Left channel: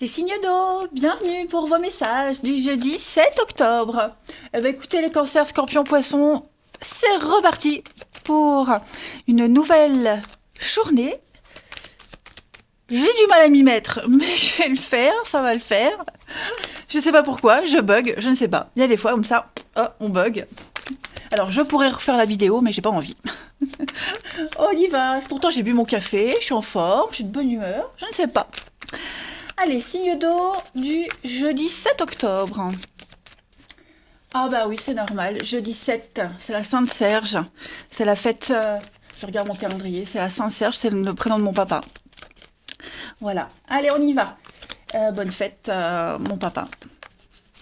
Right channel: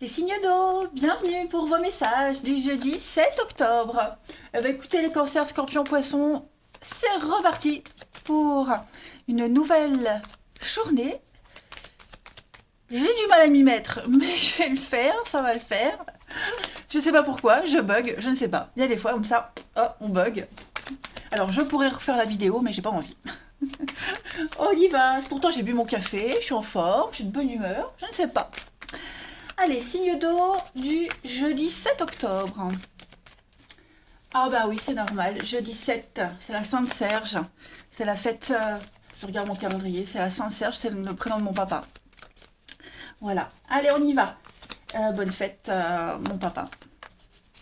Les signes d'eau, bienvenue pour vos messages du jeudi 7 octobre. Écoutez les cancers, scorpions, poissons, c'est reparti pour une nouvelle journée. J'ai du mal à m'y mettre, mais je vais le faire, ça va le faire. Je sais pas pourquoi, je bug, je ne sais pas. Il y a des fois comme ça, oh, on bug. Alors je pourrais refaire la vidéo, mais j'ai pas envie. On y va. Pourtant j'ai bu mon café, je suis en forme, je suis de bonne humeur, je ne sais pas. Allez, signe d'eau du jeudi 7 octobre. Ah bah oui, c'est normal. Jeudi 7, c'est la Sainte-Serge. C'est la fête, je regarde mon calendrier, c'est la Sainte-Serge, c'est le prénom de mon papa. Voilà. Allez, on y va. Bonne fête, mon papa.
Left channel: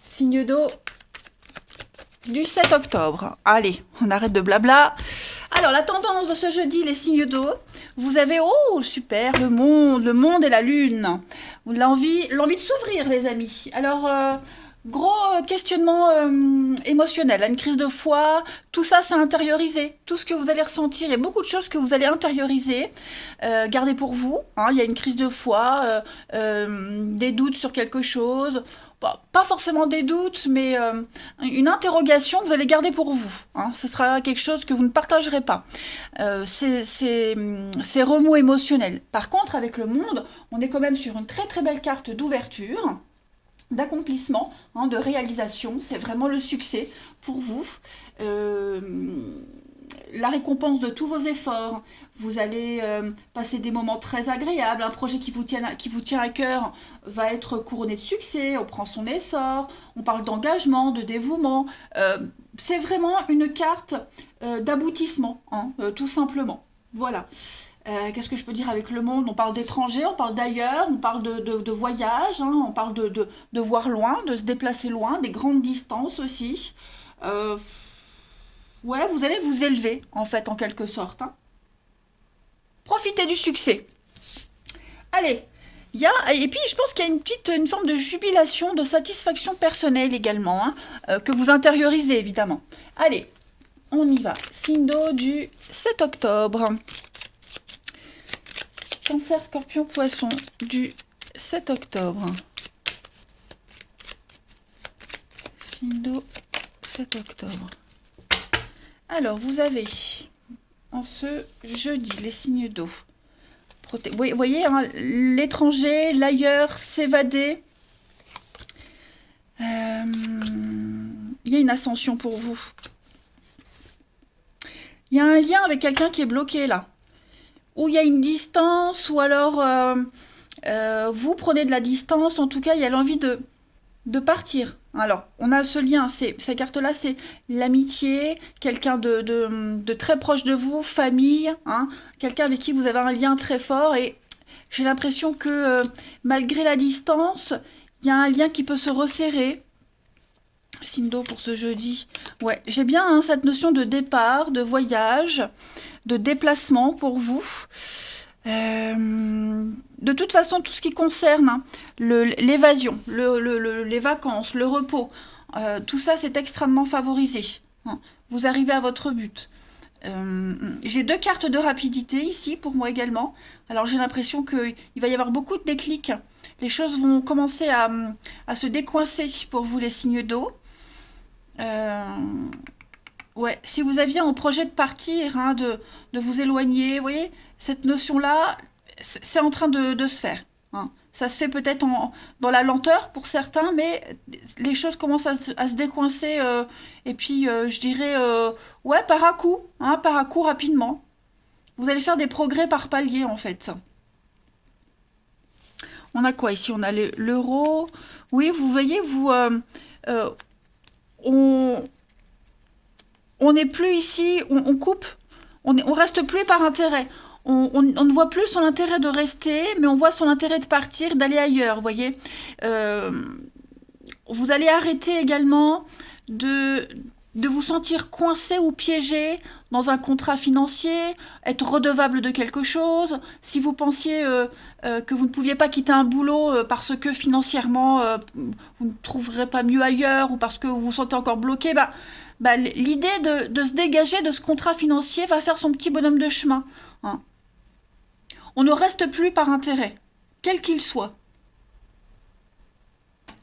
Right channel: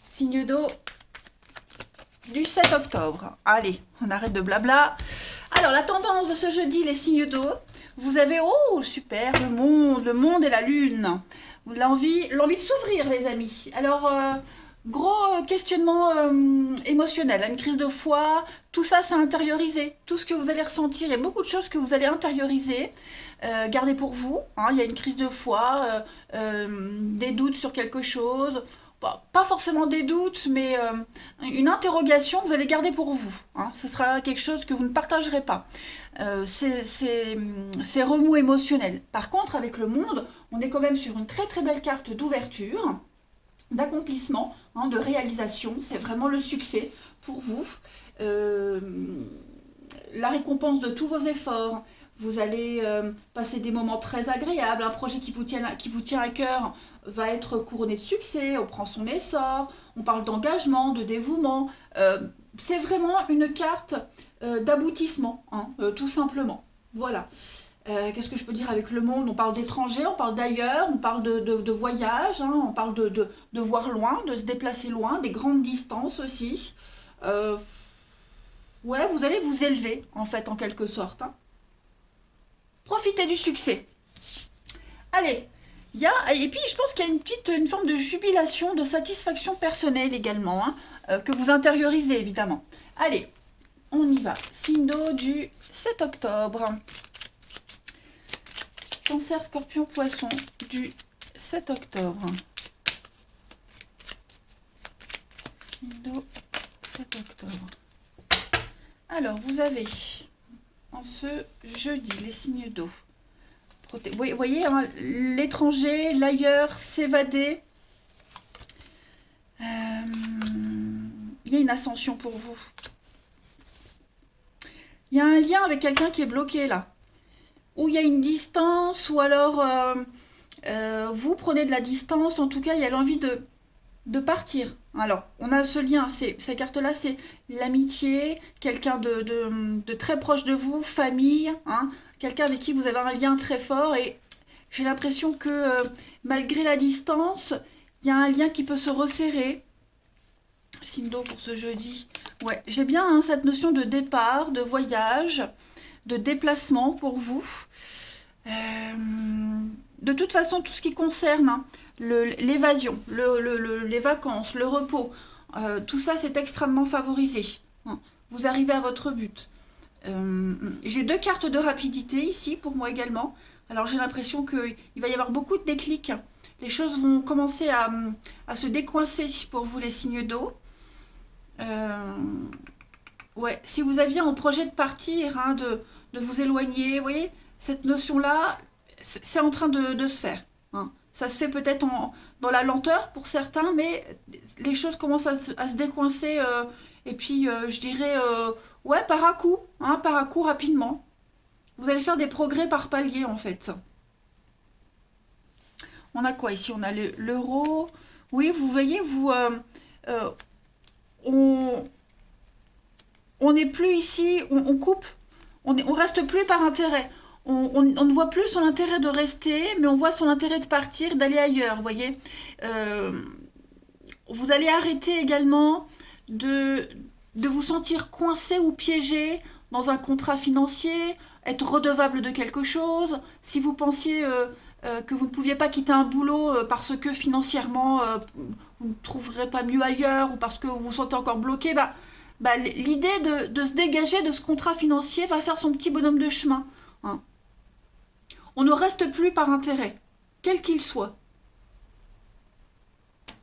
Signe d'eau du 7 octobre. Allez, on arrête de blabla. Alors, la tendance de ce jeudi, les signes d'eau, vous avez, oh, super, le monde et la lune. L'envie de s'ouvrir, les amis. Alors, gros questionnement émotionnel, une crise de foi, tout ça, c'est intériorisé. Tout ce que vous allez ressentir, il y a beaucoup de choses que vous allez intérioriser. Gardez pour vous, hein, il y a une crise de foi, des doutes sur quelque chose. Pas forcément des doutes, mais une interrogation que vous allez garder pour vous. Hein. Ce sera quelque chose que vous ne partagerez pas. C'est remous émotionnel. Par contre, avec le monde, on est quand même sur une très très belle carte d'ouverture, d'accomplissement, hein, de réalisation. C'est vraiment le succès pour vous. Euh, la récompense de tous vos efforts. Vous allez passer des moments très agréables. Un projet qui vous tient à cœur va être couronné de succès. On prend son essor. On parle d'engagement, de dévouement. C'est vraiment une carte d'aboutissement, hein, tout simplement. Voilà. Qu'est-ce que je peux dire avec le monde? On parle d'étrangers, on parle d'ailleurs, on parle de voyage, hein, on parle de voir loin, de se déplacer loin, des grandes distances aussi. Euh, ouais, vous allez vous élever, en fait, en quelque sorte. Hein. Profitez du succès. Allez, et puis je pense qu'il y a une forme de jubilation, de satisfaction personnelle également, hein, que vous intériorisez évidemment. Allez, on y va. Signe d'eau du 7 octobre. Cancer, scorpion, poisson du 7 octobre. Signe d'eau 7 octobre. Alors, vous avez en ce jeudi les signes d'eau. Vous voyez, hein, l'étranger, l'ailleurs, s'évader. Il y a une ascension pour vous. Il y a un lien avec quelqu'un qui est bloqué là. Ou il y a une distance, ou alors vous prenez de la distance. En tout cas, il y a l'envie de partir. Alors, on a ce lien, ces cartes-là, c'est l'amitié, quelqu'un de très proche de vous, famille, hein, quelqu'un avec qui vous avez un lien très fort. Et j'ai l'impression que malgré la distance, il y a un lien qui peut se resserrer. Signe d'eau pour ce jeudi. Ouais, j'ai bien hein, cette notion de départ, de voyage, de déplacement pour vous. De toute façon, tout ce qui concerne hein, l'évasion, les vacances, le repos, tout ça c'est extrêmement favorisé. Hein. Vous arrivez à votre but. J'ai deux cartes de rapidité ici pour moi également. Alors j'ai l'impression qu'il va y avoir beaucoup de déclics. Les choses vont commencer à se décoincer pour vous les signes d'eau. Ouais, si vous aviez un projet de partir, hein, de vous éloigner, vous voyez, cette notion-là, c'est en train de se faire. Hein. Ça se fait peut-être dans la lenteur pour certains, mais les choses commencent à se décoincer, et puis je dirais, ouais, par à coup rapidement. Vous allez faire des progrès par palier en fait. On a quoi ici? On a l'euro. Oui, vous voyez, euh, on, on n'est plus ici, on coupe, on reste plus par intérêt. On ne voit plus son intérêt de rester, mais on voit son intérêt de partir, d'aller ailleurs, vous voyez. Euh, vous allez arrêter également de, de vous sentir coincé ou piégé dans un contrat financier, être redevable de quelque chose. Si vous pensiez que vous ne pouviez pas quitter un boulot parce que financièrement vous ne trouverez pas mieux ailleurs ou parce que vous vous sentez encore bloqué, l'idée de se dégager de ce contrat financier va faire son petit bonhomme de chemin. Hein. On ne reste plus par intérêt, quel qu'il soit.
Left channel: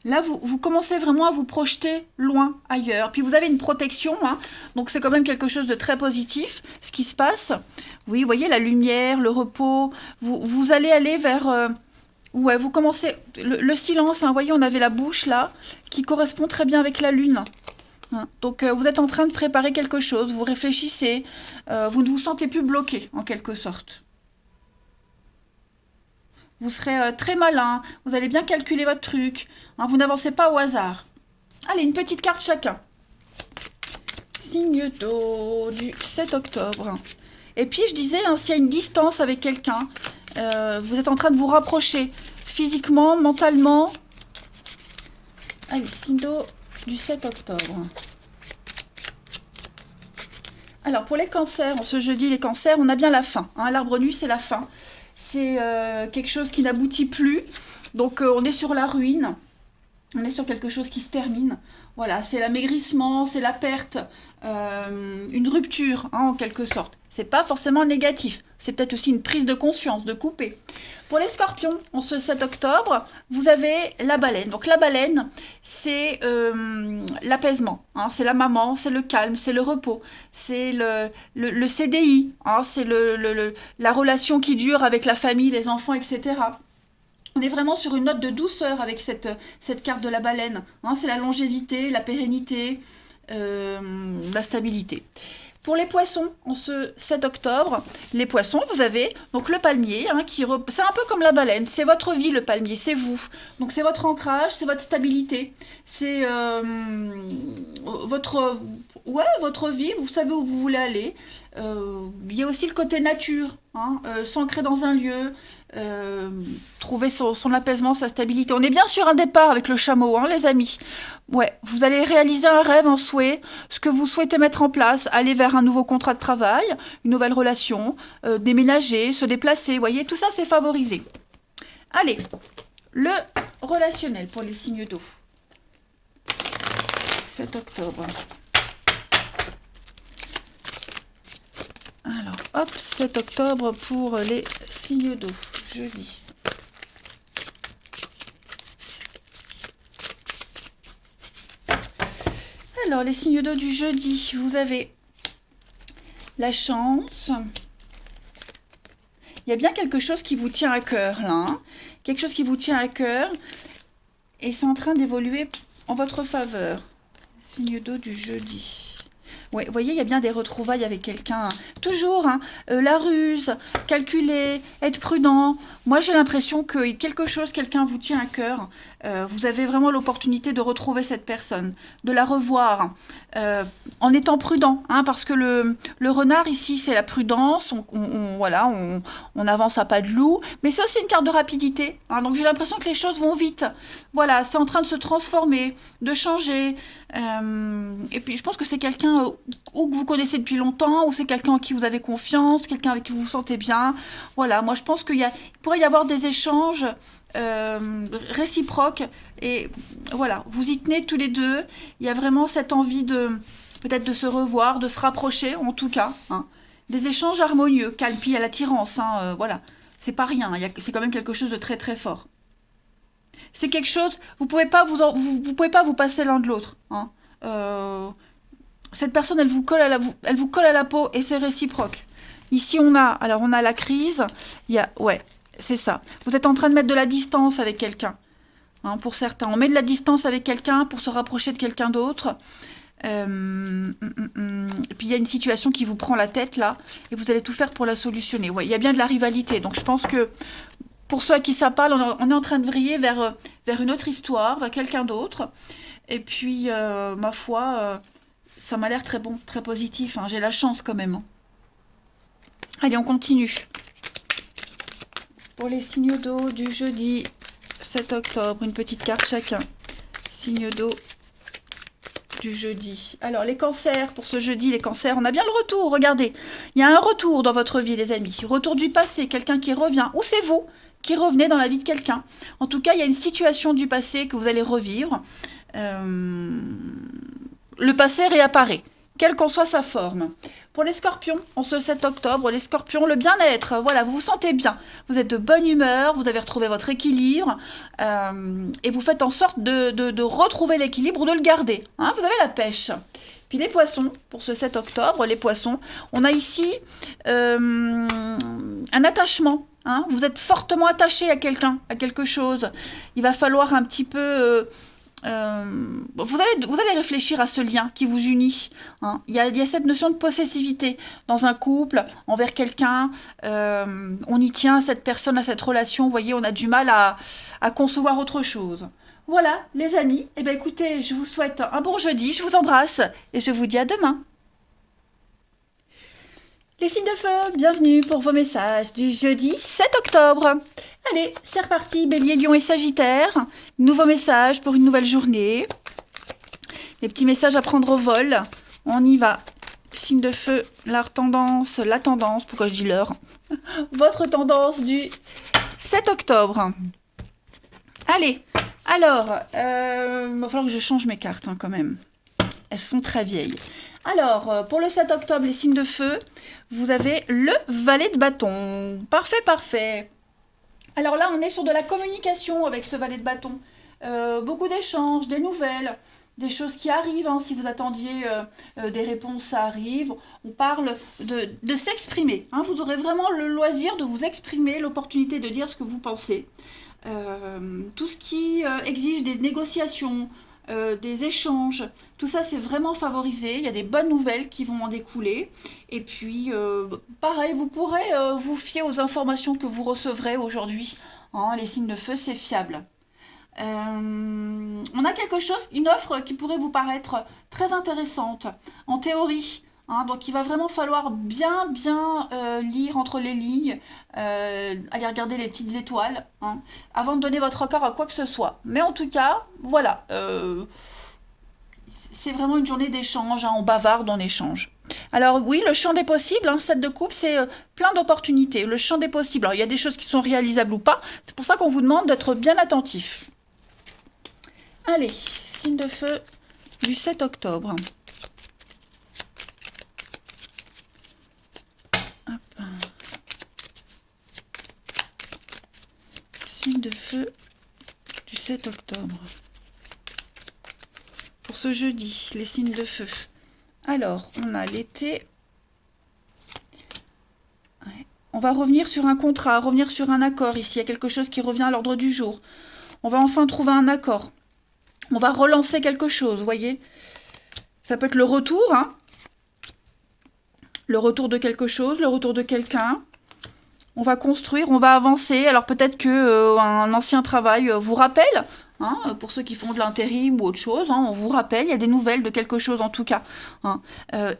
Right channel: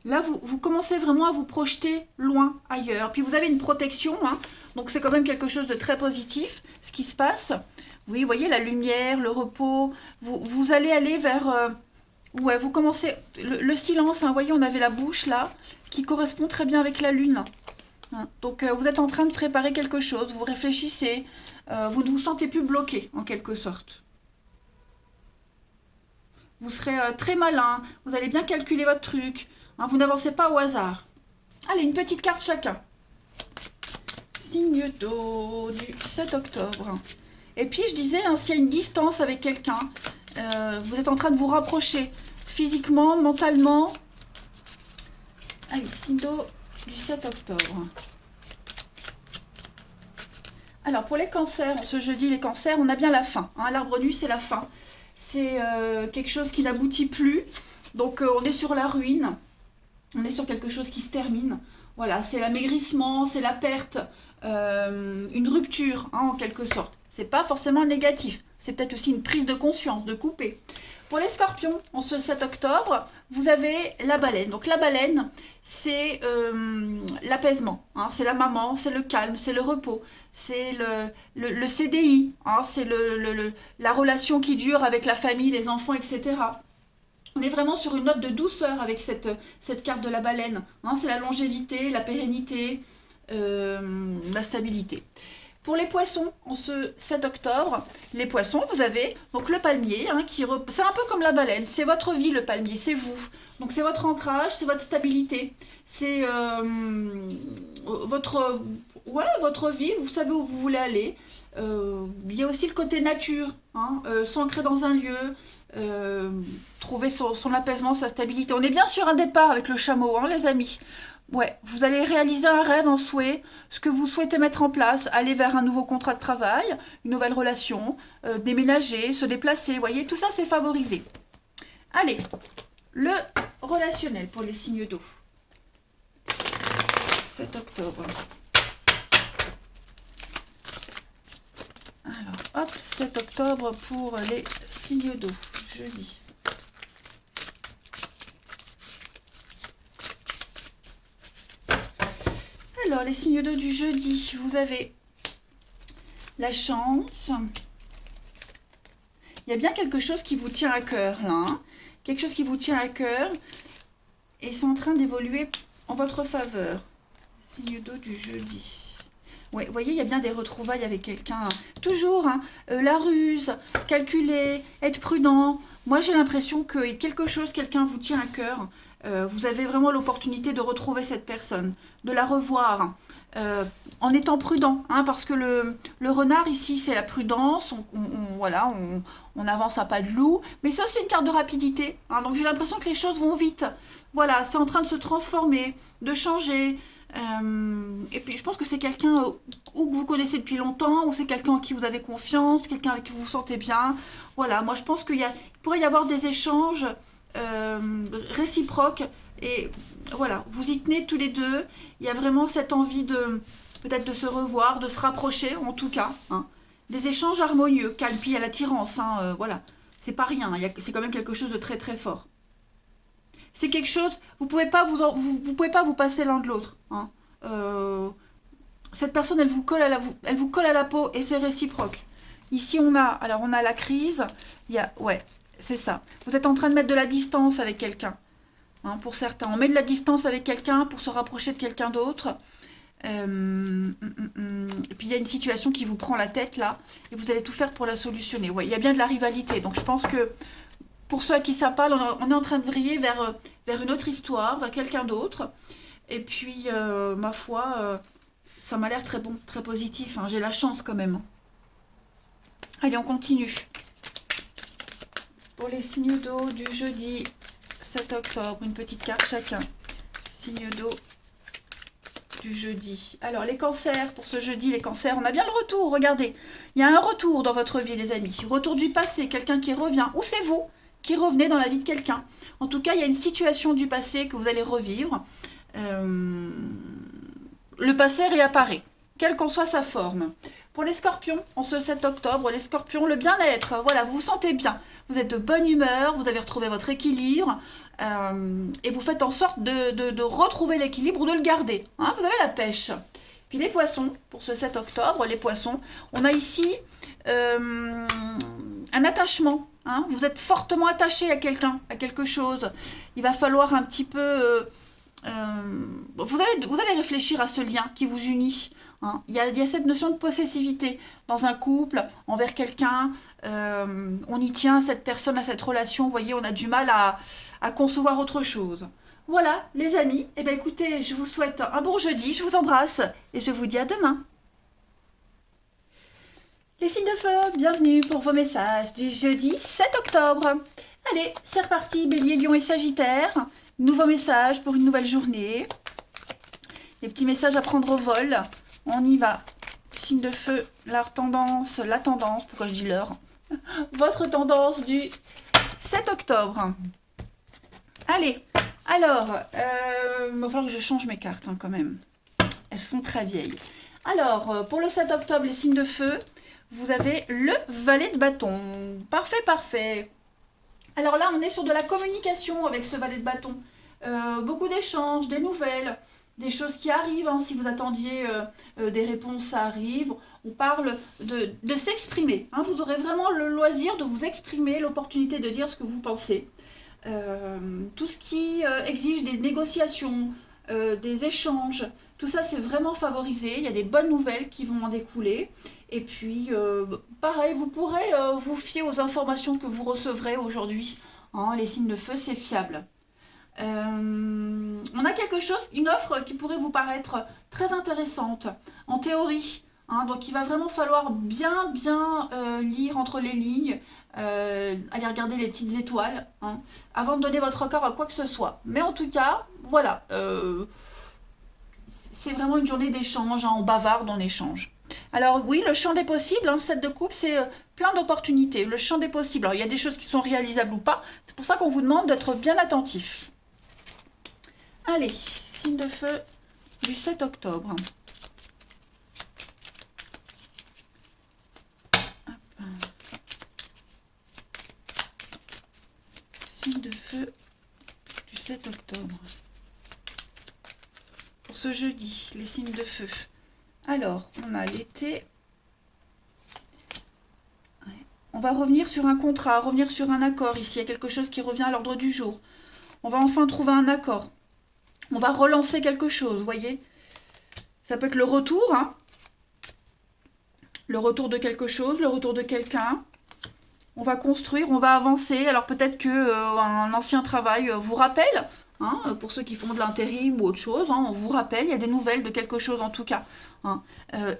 Là, vous commencez vraiment à vous projeter loin, ailleurs. Puis vous avez une protection, hein, donc c'est quand même quelque chose de très positif, ce qui se passe. Oui, vous voyez, la lumière, le repos, vous allez aller vers... ouais, vous commencez... Le silence, hein, vous voyez, on avait la bouche, là, qui correspond très bien avec la lune. Hein. Donc vous êtes en train de préparer quelque chose, vous réfléchissez, vous ne vous sentez plus bloqué, en quelque sorte. Vous serez très malin, vous allez bien calculer votre truc, hein, vous n'avancez pas au hasard. Allez, une petite carte chacun. Signe d'eau du 7 octobre. Et puis je disais, hein, s'il y a une distance avec quelqu'un, vous êtes en train de vous rapprocher physiquement, mentalement. Allez, signe d'eau du 7 octobre. Alors pour les cancers, ce jeudi les cancers, on a bien la fin. Hein, l'arbre nu c'est la fin. C'est quelque chose qui n'aboutit plus. Donc on est sur la ruine. On est sur quelque chose qui se termine. Voilà, c'est l'amaigrissement, c'est la perte, une rupture, hein, en quelque sorte. C'est pas forcément négatif. C'est peut-être aussi une prise de conscience, de couper. Pour les scorpions, en ce 7 octobre, vous avez la baleine. Donc la baleine, c'est l'apaisement. Hein, c'est la maman, c'est le calme, c'est le repos. C'est le CDI. Hein, c'est la relation qui dure avec la famille, les enfants, etc. On est vraiment sur une note de douceur avec cette carte de la baleine. Hein, c'est la longévité, la pérennité, la stabilité. Pour les poissons, en ce 7 octobre, les poissons, vous avez donc le palmier, hein, c'est un peu comme la baleine, c'est votre vie le palmier, c'est vous. Donc c'est votre ancrage, c'est votre stabilité, c'est votre vie, vous savez où vous voulez aller. Il y a aussi le côté nature, hein, s'ancrer dans un lieu, trouver son apaisement, sa stabilité. On est bien sur un départ avec le chameau, hein, les amis. Ouais, vous allez réaliser un rêve, un souhait, ce que vous souhaitez mettre en place, aller vers un nouveau contrat de travail, une nouvelle relation, déménager, se déplacer, vous voyez, tout ça c'est favorisé. Allez, le relationnel pour les signes d'eau. 7 octobre. Alors, hop, 7 octobre pour les signes d'eau, jeudi. Alors, les signes d'eau du jeudi, vous avez la chance. Il y a bien quelque chose qui vous tient à cœur, là. Hein, quelque chose qui vous tient à cœur. Et c'est en train d'évoluer en votre faveur. Signe d'eau du jeudi. Ouais, vous voyez, il y a bien des retrouvailles avec quelqu'un. Toujours, hein, la ruse, calculer, être prudent. Moi, j'ai l'impression que quelque chose, quelqu'un vous tient à cœur. Vous avez vraiment l'opportunité de retrouver cette personne, de la revoir, en étant prudent, hein, parce que le renard ici, c'est la prudence. Voilà, on avance à pas de loup, mais c'est aussi une carte de rapidité. Hein, donc j'ai l'impression que les choses vont vite. Voilà, c'est en train de se transformer, de changer. Et puis je pense que c'est quelqu'un ou que vous connaissez depuis longtemps, ou c'est quelqu'un en qui vous avez confiance, quelqu'un avec qui vous vous sentez bien. Voilà, moi je pense qu'il pourrait y avoir des échanges réciproques, et voilà, vous y tenez tous les deux. Il y a vraiment cette envie peut-être de se revoir, de se rapprocher en tout cas. Hein. Des échanges harmonieux, calme, puis il y a l'attirance, hein, voilà, c'est pas rien, c'est quand même quelque chose de très très fort. C'est quelque chose, vous pouvez pas vous pouvez pas vous passer l'un de l'autre. Hein. Cette personne, elle vous colle à la peau, et c'est réciproque. Ici, on a la crise. Ouais, c'est ça. Vous êtes en train de mettre de la distance avec quelqu'un. Hein, pour certains, on met de la distance avec quelqu'un pour se rapprocher de quelqu'un d'autre. Et puis il y a une situation qui vous prend la tête là, et vous allez tout faire pour la solutionner. Ouais, il y a bien de la rivalité. Donc je pense que pour ceux à qui ça parle, on est en train de vriller vers une autre histoire, vers quelqu'un d'autre. Et puis, ma foi, ça m'a l'air très bon, très positif. Hein. J'ai la chance quand même. Allez, on continue. Pour les signes d'eau du jeudi 7 octobre, une petite carte chacun. Signe d'eau du jeudi. Alors, les cancers, pour ce jeudi, les cancers, on a bien le retour, regardez. Il y a un retour dans votre vie, les amis. Retour du passé, quelqu'un qui revient. Ou c'est vous qui revenez dans la vie de quelqu'un. En tout cas, il y a une situation du passé que vous allez revivre. Le passé réapparaît, quelle qu'en soit sa forme. pour les scorpions, en ce 7 octobre, les scorpions, le bien-être, voilà, vous vous sentez bien. Vous êtes de bonne humeur, vous avez retrouvé votre équilibre et vous faites en sorte de retrouver l'équilibre ou de le garder. Hein, vous avez la pêche. Puis les poissons, pour ce 7 octobre, les poissons, on a ici un attachement. Hein, vous êtes fortement attaché à quelqu'un, à quelque chose. Il va falloir un petit peu... vous allez réfléchir à ce lien qui vous unit. Hein. Il y a cette notion de possessivité dans un couple, envers quelqu'un. On y tient à cette personne, à cette relation. Vous voyez, on a du mal à concevoir autre chose. Voilà, les amis. Eh bien, écoutez, je vous souhaite un bon jeudi. Je vous embrasse et je vous dis à demain. Les signes de feu, bienvenue pour vos messages du jeudi 7 octobre. Allez, c'est reparti, Bélier, Lion et Sagittaire. Nouveau message pour une nouvelle journée. Les petits messages à prendre au vol. On y va. Signe de feu, la tendance, pourquoi je dis l'heure? Votre tendance du 7 octobre. Allez, alors, il va falloir que je change mes cartes hein, quand même. Elles se font très vieilles. Alors, pour le 7 octobre, les signes de feu, vous avez le valet de bâton. Parfait, parfait. Alors là, on est sur de la communication avec ce valet de bâton. Beaucoup d'échanges, des nouvelles, des choses qui arrivent. Hein. Si vous attendiez des réponses, ça arrive. On parle de s'exprimer. Hein. Vous aurez vraiment le loisir de vous exprimer, l'opportunité de dire ce que vous pensez. Tout ce qui exige des négociations, des échanges, tout ça c'est vraiment favorisé. Il y a des bonnes nouvelles qui vont en découler. Et puis, pareil, vous pourrez vous fier aux informations que vous recevrez aujourd'hui. Hein, les signes de feu, c'est fiable. On a quelque chose, une offre qui pourrait vous paraître très intéressante, en théorie. Hein, donc il va vraiment falloir bien lire entre les lignes, aller regarder les petites étoiles, hein, avant de donner votre accord à quoi que ce soit. Mais en tout cas, voilà, c'est vraiment une journée d'échange, hein, on bavarde, on échange. Alors oui, le champ des possibles, hein, 7 de coupe, c'est plein d'opportunités, le champ des possibles. Alors il y a des choses qui sont réalisables ou pas, c'est pour ça qu'on vous demande d'être bien attentif. Allez, signe de feu du 7 octobre. Signe de feu du 7 octobre. Pour ce jeudi, les signes de feu. Alors, on a l'été. Ouais. On va revenir sur un contrat, revenir sur un accord ici. Il y a quelque chose qui revient à l'ordre du jour. On va enfin trouver un accord. On va relancer quelque chose, vous voyez. Ça peut être le retour, hein. Le retour de quelque chose, le retour de quelqu'un. On va construire, on va avancer. Alors peut-être qu'un ancien travail vous rappelle, hein, pour ceux qui font de l'intérim ou autre chose, hein, on vous rappelle, il y a des nouvelles de quelque chose en tout cas. Hein.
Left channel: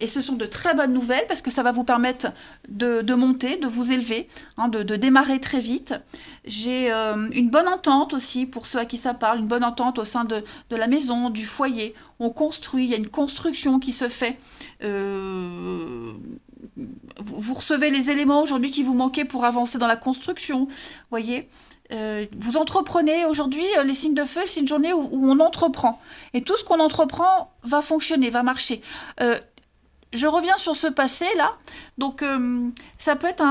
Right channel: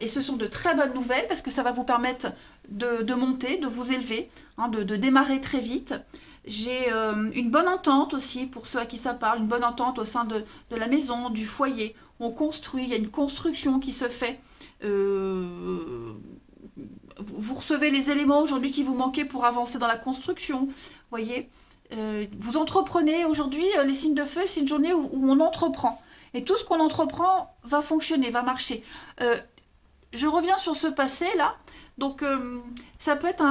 Et ce sont de très bonnes nouvelles parce que ça va vous permettre de monter, de vous élever, hein, de démarrer très vite. J'ai une bonne entente aussi pour ceux à qui ça parle, une bonne entente au sein de la maison, du foyer. On construit, il y a une construction qui se fait. Vous recevez les éléments aujourd'hui qui vous manquaient pour avancer dans la construction, voyez. Vous entreprenez aujourd'hui, les signes de feu, c'est une journée où on entreprend. Et tout ce qu'on entreprend va fonctionner, va marcher. Je reviens sur ce passé-là. Donc, ça peut être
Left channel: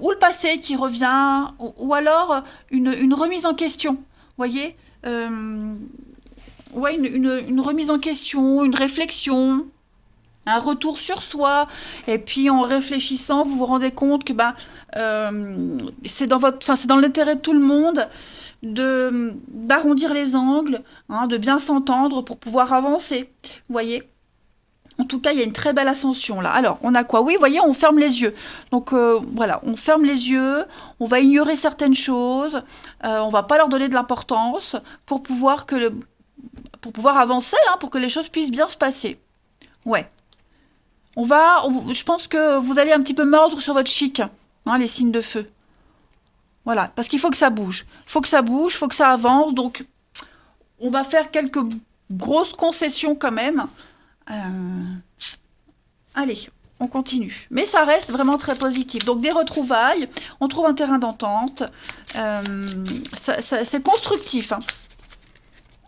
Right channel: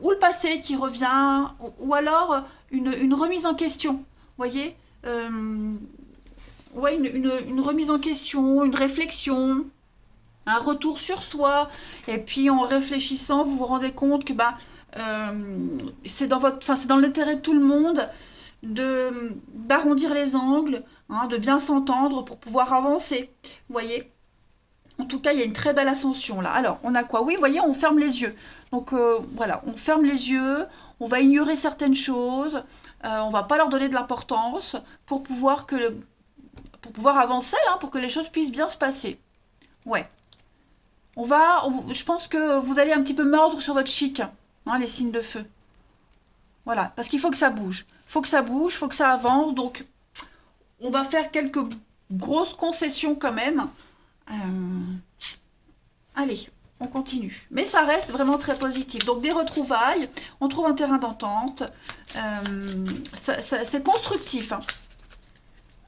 ou le passé qui revient, ou alors une remise en question, voyez. Ouais, une remise en question, une réflexion, un retour sur soi, et puis en réfléchissant, vous vous rendez compte que c'est dans l'intérêt de tout le monde d'arrondir les angles, hein, de bien s'entendre pour pouvoir avancer. Vous voyez? En tout cas, il y a une très belle ascension là. Alors, on a quoi? Oui, vous voyez, on ferme les yeux. Donc voilà, on ferme les yeux, on va ignorer certaines choses, on va pas leur donner de l'importance pour pouvoir avancer, hein, pour que les choses puissent bien se passer. Ouais. Je pense que vous allez un petit peu mordre sur votre chic, hein, les signes de feu. Voilà, parce qu'il faut que ça bouge. Faut que ça bouge, faut que ça avance. Donc, on va faire quelques grosses concessions quand même. Allez, on continue. Mais ça reste vraiment très positif. Donc, des retrouvailles, on trouve un terrain d'entente. C'est constructif. Hein.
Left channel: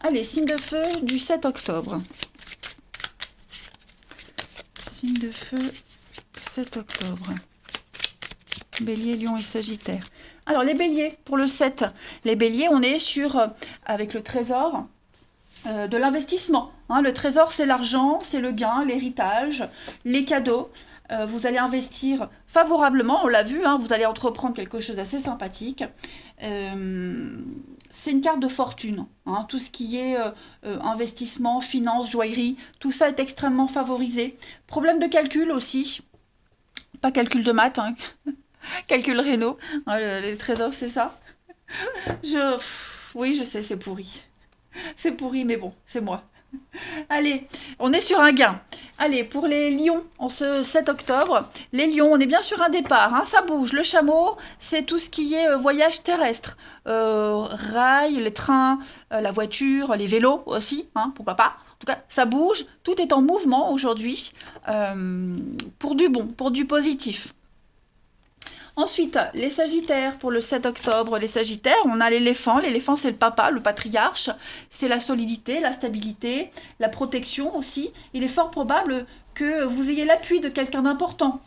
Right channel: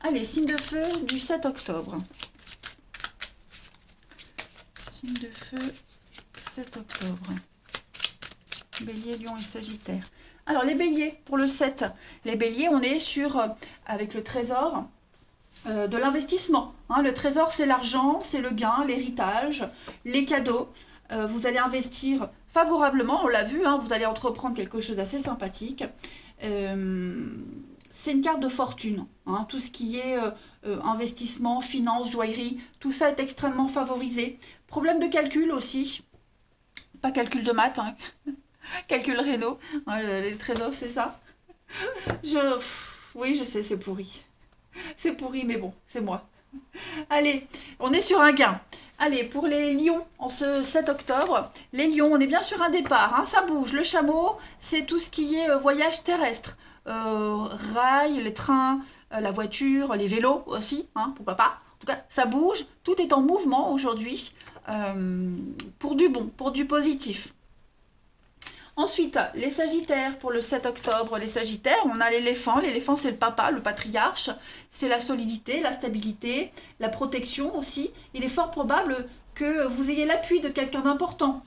Allez, signe de feu du 7 octobre. Signe de feu, 7 octobre. Bélier, Lion et Sagittaire. Alors, les béliers, pour le 7. Les béliers, on est sur, avec le trésor, de l'investissement. Hein. Le trésor, c'est l'argent, c'est le gain, l'héritage, les cadeaux. Vous allez investir favorablement, on l'a vu, hein, vous allez entreprendre quelque chose d'assez sympathique. C'est une carte de fortune. Hein. Tout ce qui est investissement, finance, joaillerie, tout ça est extrêmement favorisé. Problème de calcul aussi. Pas calcul de maths, hein. Calcul réno. Hein, les trésors, c'est ça. Oui, je sais, c'est pourri. C'est pourri, mais bon, c'est moi. Allez, on est sur un gain. Allez, pour les lions, en ce 7 octobre, les lions, on est bien sur un départ, hein, ça bouge. Le chameau, c'est tout ce qui est voyage terrestre. Rail, les trains, la voiture, les vélos aussi, hein, pourquoi pas. En tout cas, ça bouge, tout est en mouvement aujourd'hui pour du bon, pour du positif. Ensuite, les Sagittaires, pour le 7 octobre, les Sagittaires, on a l'éléphant. L'éléphant, c'est le papa, le patriarche. C'est la solidité, la stabilité, la protection aussi. Il est fort probable que vous ayez l'appui de quelqu'un d'important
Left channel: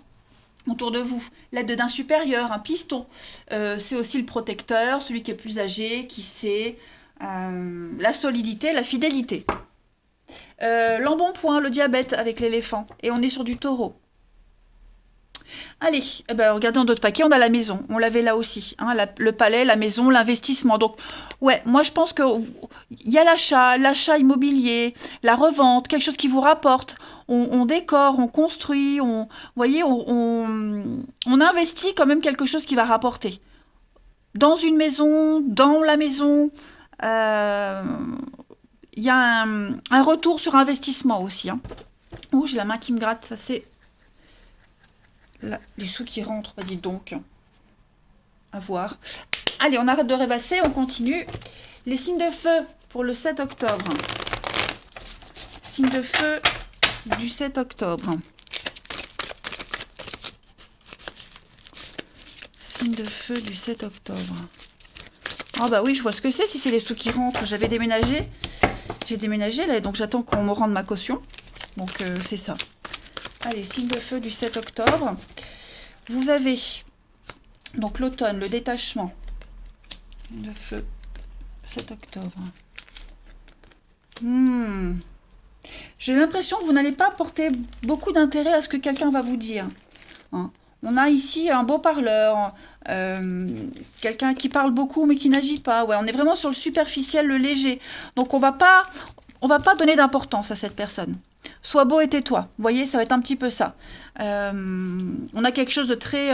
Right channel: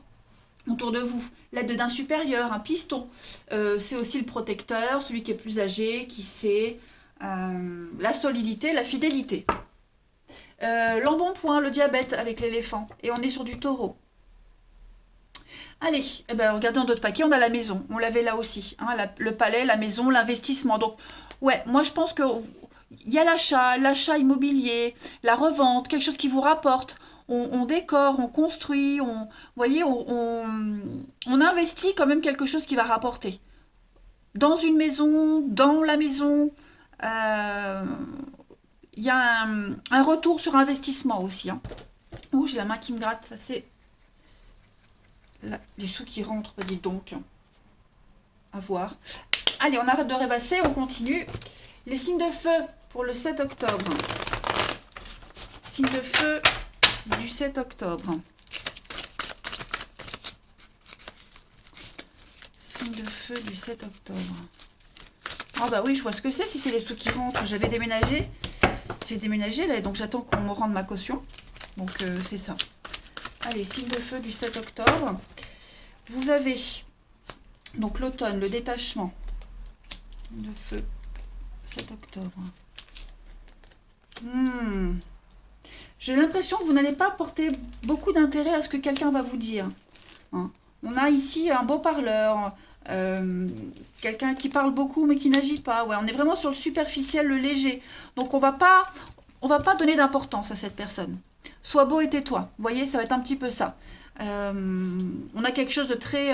autour de vous. L'aide d'un supérieur, un piston. C'est aussi le protecteur, celui qui est plus âgé, qui sait la solidité, la fidélité. L'embonpoint, le diabète avec l'éléphant. Et on est sur du taureau. Allez, eh ben, regardez en d'autres paquets, on a la maison. On l'avait là aussi. Hein, le palais, la maison, l'investissement. Donc, ouais, moi je pense qu'il y a l'achat immobilier, la revente, quelque chose qui vous rapporte. On décore, on construit, vous voyez, on investit quand même quelque chose qui va rapporter. Dans une maison, dans la maison, il y a un retour sur investissement aussi. Hein. Ouh, j'ai la main qui me gratte, ça c'est... Là, les sous qui rentrent, bah dis donc. À voir. Allez, on arrête de rêvasser, on continue. Les signes de feu pour le 7 octobre. Signe de feu du 7 octobre. Signe de feu du 7 octobre. Ah bah oui, je vois ce que c'est si c'est les sous qui rentrent. J'avais déménagé. J'ai déménagé là, donc j'attends qu'on me rende ma caution. Donc c'est ça. Allez, signe de feu du 7 octobre. Vous avez donc l'automne, le détachement. Signe de feu, 7 octobre. J'ai l'impression que vous n'allez pas porter beaucoup d'intérêt à ce que quelqu'un va vous dire. Hein. On a ici un beau parleur, quelqu'un qui parle beaucoup mais qui n'agit pas. Ouais, on est vraiment sur le superficiel, le léger. Donc on va pas donner d'importance à cette personne. Sois beau et tais-toi. Vous voyez, ça va être un petit peu ça. On a quelque chose de très...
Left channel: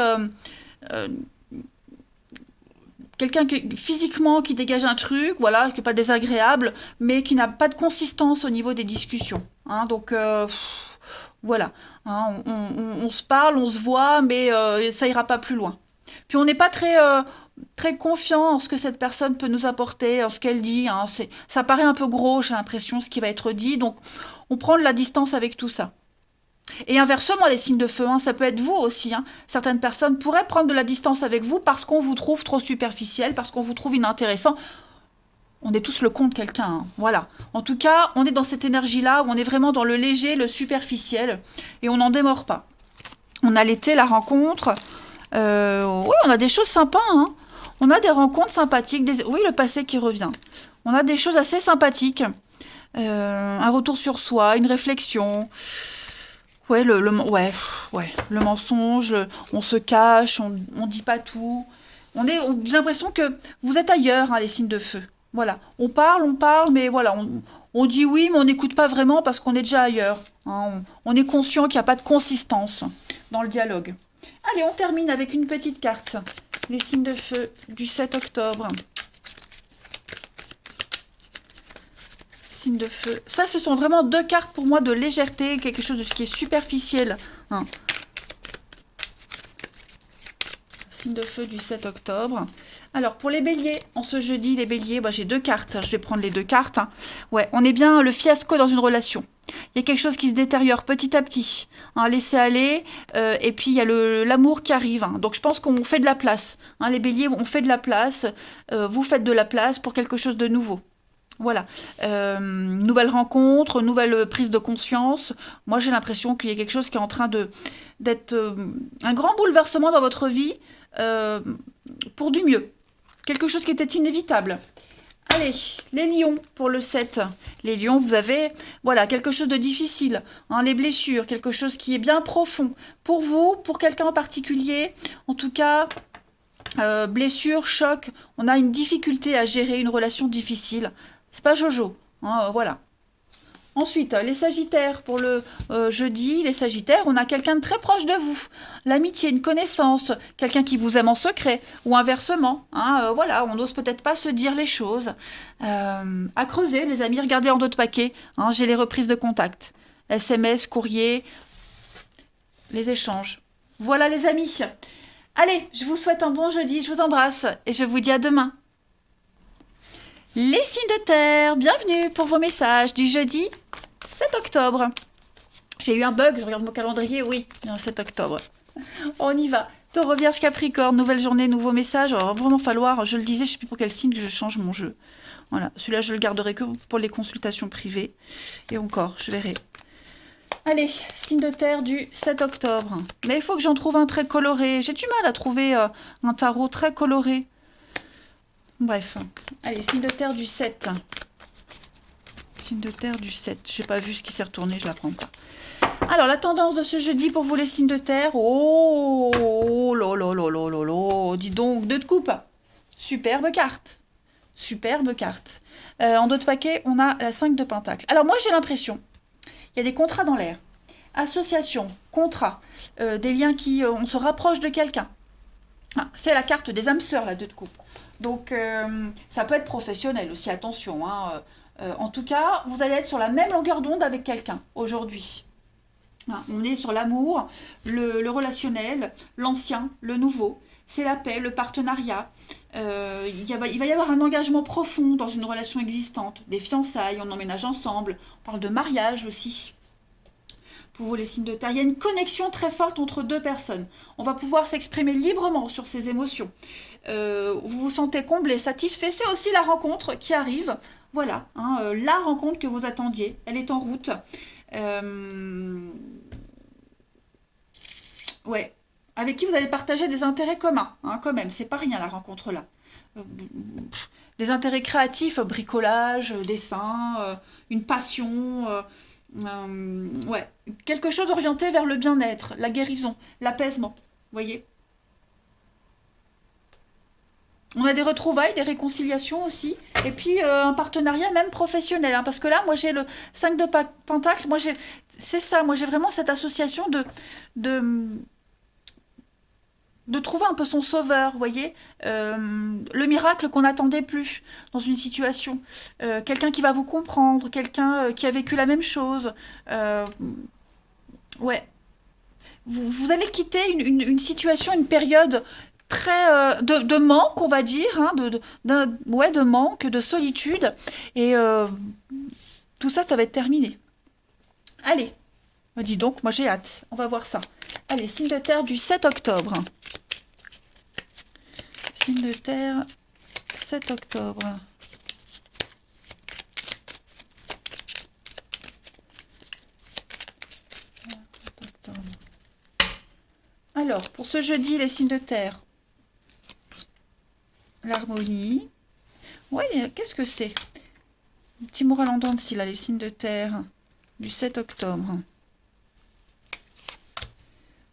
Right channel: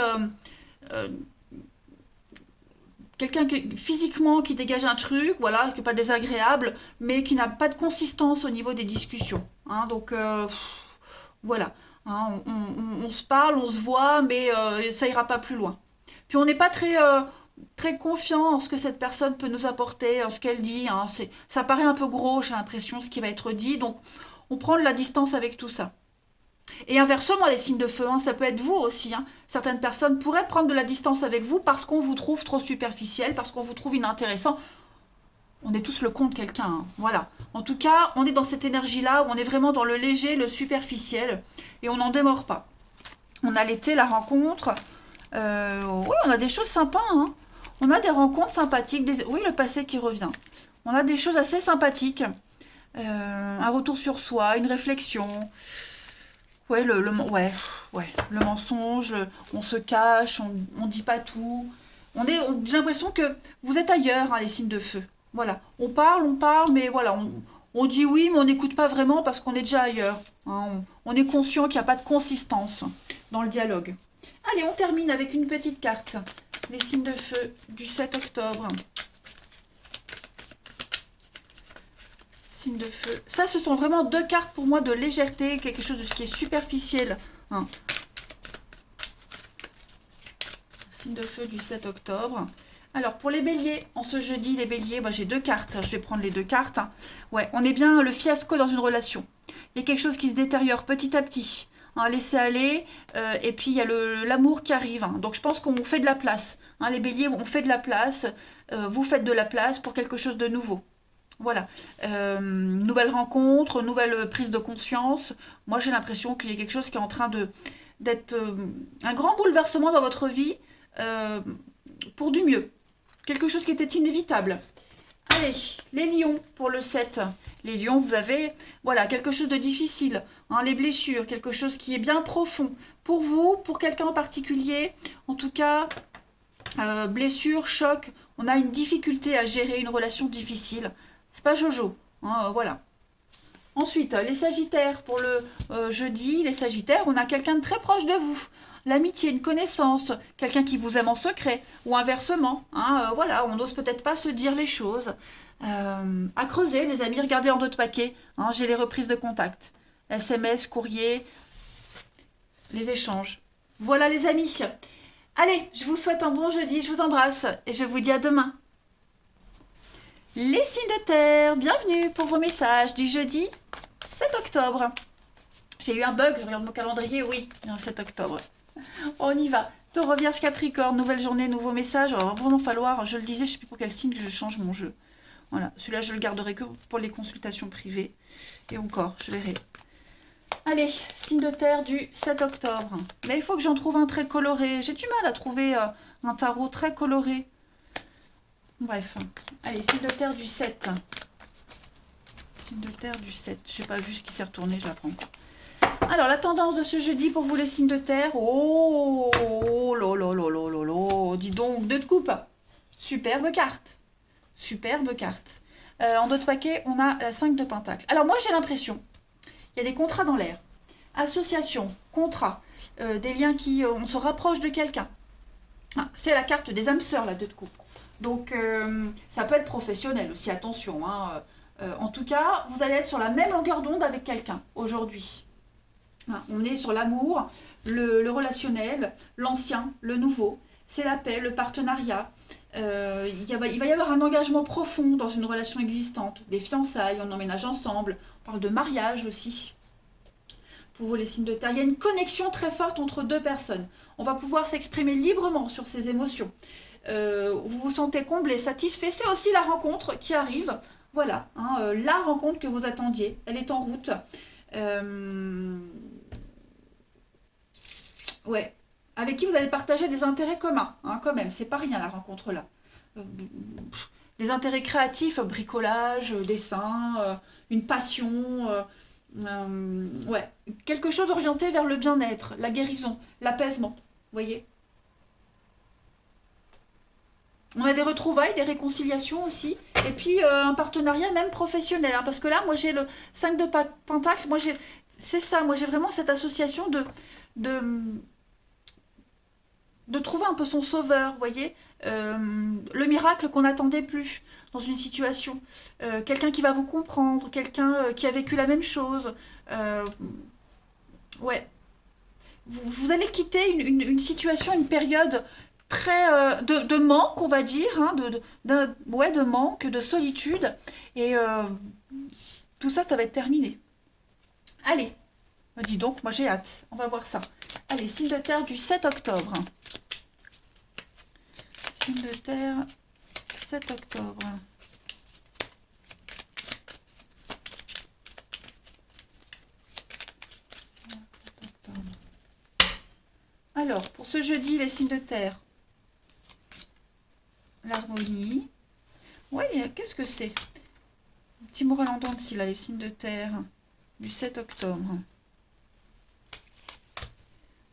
quelqu'un physiquement qui dégage un truc, voilà, qui n'est pas désagréable, mais qui n'a pas de consistance au niveau des discussions. Hein, donc, voilà. Hein, on se parle, on se voit, mais ça ira pas plus loin. Puis on n'est pas très confiant en ce que cette personne peut nous apporter, en ce qu'elle dit. Hein, ça paraît un peu gros, j'ai l'impression, ce qui va être dit. Donc, on prend de la distance avec tout ça. Et inversement, les signes de feu, hein, ça peut être vous aussi. Hein. Certaines personnes pourraient prendre de la distance avec vous parce qu'on vous trouve trop superficiel, parce qu'on vous trouve inintéressant. On est tous le con de quelqu'un. Hein. Voilà. En tout cas, on est dans cette énergie-là où on est vraiment dans le léger, le superficiel, et on n'en démord pas. On a l'été, la rencontre. Oui, on a des choses sympas. Hein. On a des rencontres sympathiques. Oui, le passé qui revient. On a des choses assez sympathiques. Un retour sur soi, une réflexion. Ouais, le mensonge, on se cache, on dit pas tout. J'ai l'impression que vous êtes ailleurs, hein, les signes de feu. Voilà, on parle, mais voilà, on dit oui, mais on n'écoute pas vraiment parce qu'on est déjà ailleurs. Hein. On est conscient qu'il n'y a pas de consistance dans le dialogue. Allez, on termine avec une petite carte. Les signes de feu du 7 octobre. Signe de feu. Ça, ce sont vraiment deux cartes pour moi de légèreté, quelque chose de ce qui est superficiel. Hein. Signe de feu du 7 octobre. Alors, pour les béliers, en ce jeudi, les béliers, bah, j'ai deux cartes. Je vais prendre les deux cartes. Hein. Ouais, on est bien le fiasco dans une relation. Il y a quelque chose qui se détériore petit à petit. Hein, laissez aller. Et puis, il y a l'amour qui arrive. Hein. Donc, je pense qu'on fait de la place. Hein, les béliers, on fait de la place. Vous faites de la place pour quelque chose de nouveau. Voilà. Nouvelle rencontre, nouvelle prise de conscience. Moi, j'ai l'impression qu'il y a quelque chose qui est en train d'être un grand bouleversement dans votre vie euh, pour du mieux. Quelque chose qui était inévitable. Allez, les lions pour le 7. Les lions, vous avez voilà, quelque chose de difficile, hein, les blessures, quelque chose qui est bien profond. Pour vous, pour quelqu'un en particulier, en tout cas, blessure, choc, on a une difficulté à gérer une relation difficile. C'est pas Jojo, hein, voilà. Ensuite, les Sagittaires pour le jeudi, les Sagittaires, on a quelqu'un de très proche de vous. L'amitié, une connaissance, quelqu'un qui vous aime en secret, ou inversement. Hein, voilà, on n'ose peut-être pas se dire les choses. À creuser, les amis, regardez en d'autres paquets. Hein, j'ai les reprises de contact. SMS, courrier, les échanges. Voilà les amis. Allez, je vous souhaite un bon jeudi, je vous embrasse et je vous dis à demain. Les signes de terre, bienvenue pour vos messages du jeudi 7 octobre. J'ai eu un bug, je regarde mon calendrier, oui, il y a un 7 octobre. On y va. Taureau, Vierge, Capricorne, nouvelle journée, nouveau message. Alors, vraiment falloir, je le disais, je ne sais plus pour quel signe que je change mon jeu. Voilà, celui-là, je le garderai que pour les consultations privées. Et encore, je verrai. Allez, signe de terre du 7 octobre. Mais il faut que j'en trouve un très coloré. J'ai du mal à trouver un tarot très coloré. Bref. Allez, signe de terre du 7. Signe de terre du 7. J'ai pas vu ce qui s'est retourné, je la prends pas. Alors, la tendance de ce jeudi pour vous les signes de terre. Oh, dis donc, 2 de coupe. Superbe carte. Superbe carte. En d'autres paquets, on a la 5 de pentacle. Alors moi, j'ai l'impression, il y a des contrats dans l'air. Association, contrat, des liens qui... on se rapproche de quelqu'un. Ah, c'est la carte des âmes sœurs, la 2 de coupe. Donc, ça peut être professionnel aussi, attention. Hein. En tout cas, vous allez être sur la même longueur d'onde avec quelqu'un aujourd'hui. On est sur l'amour, le relationnel, l'ancien, le nouveau. C'est la paix, le partenariat. Il va y avoir un engagement profond dans une relation existante. Des fiançailles, on emménage ensemble. On parle de mariage aussi. Pour vous les signes de terre, il y a une connexion très forte entre 2 personnes. On va pouvoir s'exprimer librement sur ses émotions. Vous vous sentez comblé, satisfait. C'est aussi la rencontre qui arrive. Voilà, hein, la rencontre que vous attendiez. Elle est en route. Ouais, avec qui vous allez partager des intérêts communs, hein, quand même, c'est pas rien la rencontre là. Des intérêts créatifs, bricolage, dessin, une passion, ouais, quelque chose orienté vers le bien-être, la guérison, l'apaisement, vous voyez. On a des retrouvailles, des réconciliations aussi, et puis un partenariat même professionnel, hein, parce que là, moi j'ai le 5 de pentacle, c'est ça, moi j'ai vraiment cette association de, de trouver un peu son sauveur, vous voyez, le miracle qu'on n'attendait plus dans une situation, quelqu'un qui va vous comprendre, quelqu'un qui a vécu la même chose, euh, ouais, vous allez quitter une situation, une période très de manque, on va dire, hein, ouais, de manque, de solitude, et tout ça, ça va être terminé. Allez, dis donc, moi j'ai hâte, on va voir ça. Allez, signe de terre du 7 octobre. Signe de terre, 7 octobre. Alors, pour ce jeudi, les signes de terre. L'harmonie. Ouais, qu'est-ce que c'est? Un petit moral en dents de scie, là, les signes de terre du 7 octobre.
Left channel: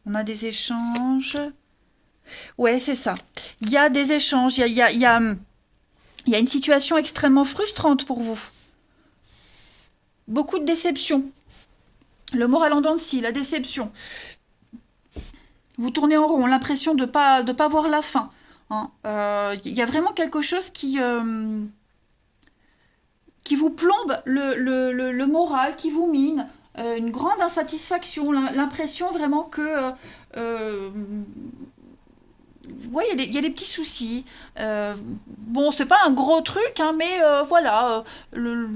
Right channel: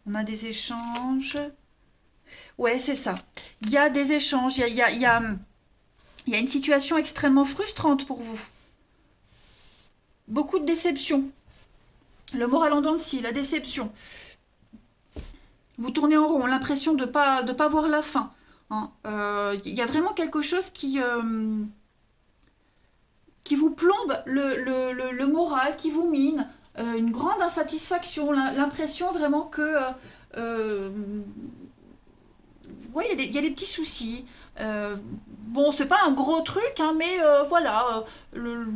On a des échanges. Ouais, c'est ça. Il y a des échanges, il y a une situation extrêmement frustrante pour vous. Beaucoup de déception. Le moral en dents de scie, la déception. Vous tournez en rond, l'impression de pas voir la fin. Hein. Y a vraiment quelque chose qui vous plombe le moral, qui vous mine, une grande insatisfaction, l'impression vraiment que... ouais, il y a des petits soucis. Bon, c'est pas un gros truc, hein, mais voilà, le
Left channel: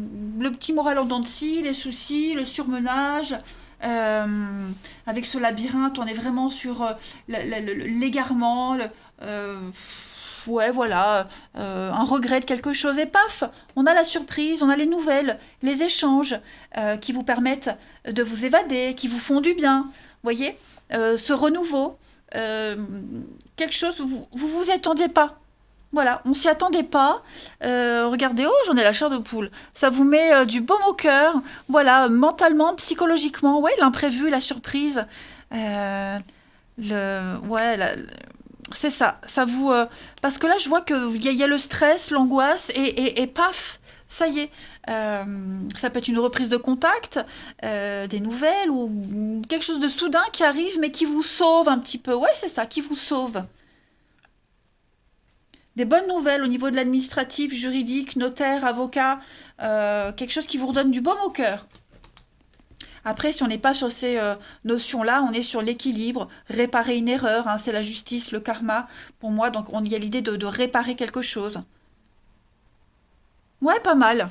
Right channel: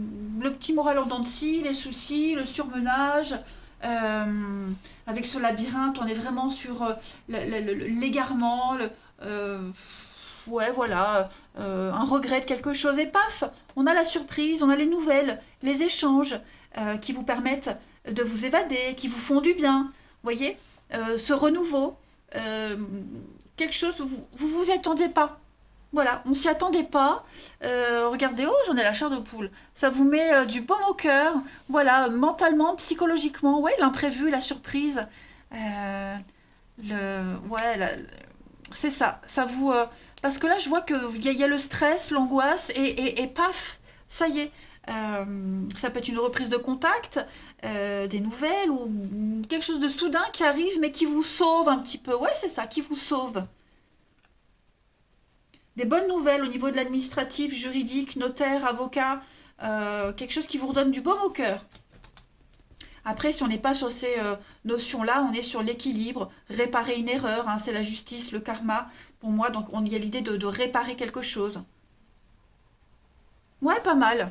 petit moral en dents de scie, les soucis, le surmenage. Avec ce labyrinthe, on est vraiment sur l'égarement. ouais, voilà, un regret de quelque chose, et paf, on a la surprise, on a les nouvelles, les échanges qui vous permettent de vous évader, qui vous font du bien, voyez, ce renouveau, euh, quelque chose où vous y attendiez pas. Voilà, on s'y attendait pas. Regardez, oh, j'en ai la chair de poule. Ça vous met du baume au cœur. Voilà, mentalement, psychologiquement, ouais, l'imprévu, la surprise. Euh, ouais, c'est ça. Ça vous, parce que là, je vois qu'il y a le stress, l'angoisse, et paf, ça y est. Ça peut être une reprise de contact, des nouvelles ou quelque chose de soudain qui arrive, mais qui vous sauve un petit peu. Ouais, c'est ça, qui vous sauve. Des bonnes nouvelles au niveau de l'administratif, juridique, notaire, avocat, quelque chose qui vous redonne du baume au cœur. Après, si on n'est pas sur ces notions-là, on est sur l'équilibre, réparer une erreur, hein, c'est la justice, le karma, pour moi, donc on y a l'idée de réparer quelque chose. Ouais, pas mal.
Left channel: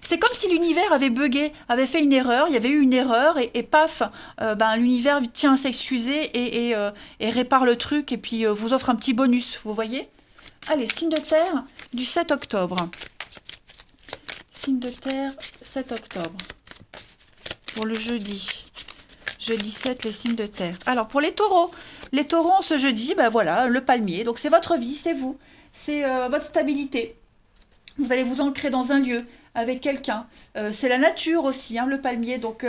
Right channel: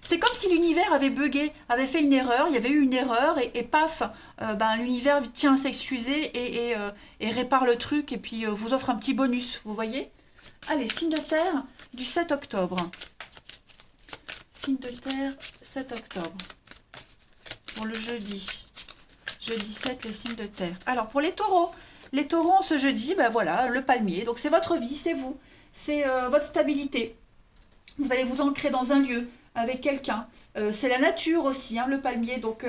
C'est comme si l'univers avait bugué, avait fait une erreur, il y avait eu une erreur, et paf, ben, l'univers tient à s'excuser et répare le truc, et puis vous offre un petit bonus, vous voyez. Allez, signe de terre du 7 octobre. Signe de terre, 7 octobre. Pour le jeudi. Jeudi 7, les signes de terre. Alors, pour les taureaux, ce jeudi, ben voilà, le palmier. Donc, c'est votre vie, c'est vous. C'est votre stabilité. Vous allez vous ancrer dans un lieu avec quelqu'un. C'est la nature aussi, hein, le palmier. Donc,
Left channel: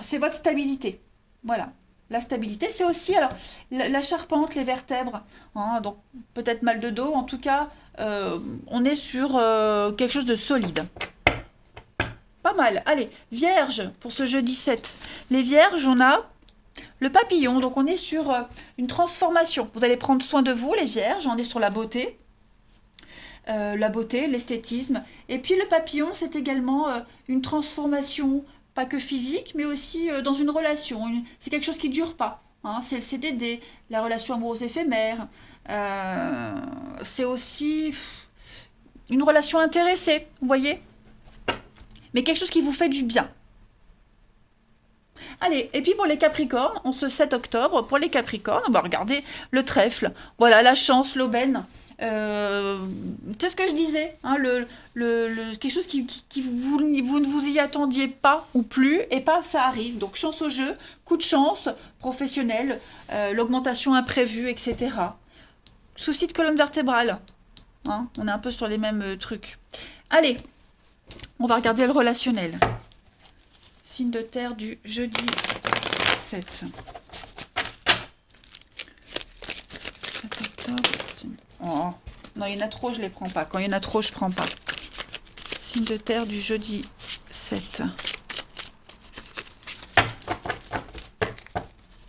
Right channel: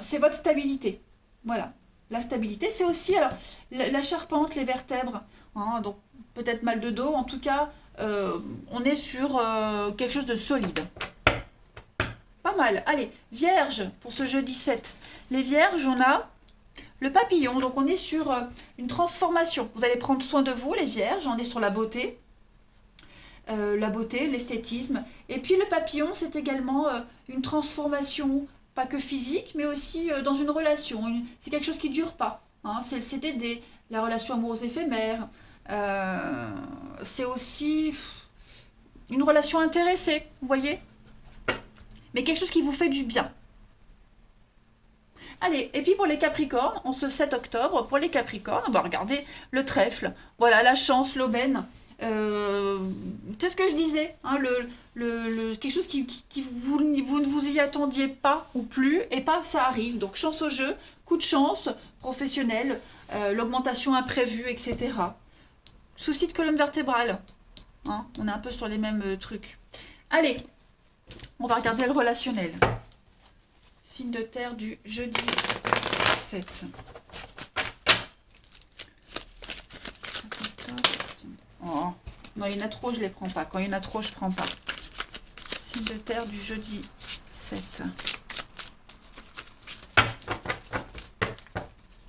c'est votre stabilité. Voilà. La stabilité, c'est aussi alors, la charpente, les vertèbres. Hein, donc, peut-être mal de dos. En tout cas, on est sur quelque chose de solide. Pas mal. Allez, vierge pour ce jeudi 7. Les vierges, on a le papillon. Donc, on est sur une transformation. Vous allez prendre soin de vous, les vierges. On est sur la beauté, l'esthétisme. Et puis, le papillon, c'est également une transformation, pas que physique, mais aussi dans une relation. C'est quelque chose qui ne dure pas. Hein. C'est le CDD, la relation amoureuse éphémère. C'est aussi une relation intéressée, vous voyez, mais quelque chose qui vous fait du bien. Allez, et puis pour les Capricornes, on se 7 octobre, pour les Capricornes, on va regarder le trèfle. Voilà, la chance, l'aubaine. Euh, c'est ce que je disais, hein, quelque chose qui vous ne vous y attendiez pas ou plus, et pas ça arrive. Donc chance au jeu, coup de chance, professionnel, l'augmentation imprévue, etc. Souci de colonne vertébrale. Hein, on est un peu sur les mêmes trucs. Allez, on va regarder le relationnel. Signe de terre du jeudi 7. 7 octobre. Oh, non, il y en a trop, je ne les prends pas. Quand il y en a trop, je ne prends pas. Signe de terre du jeudi 7.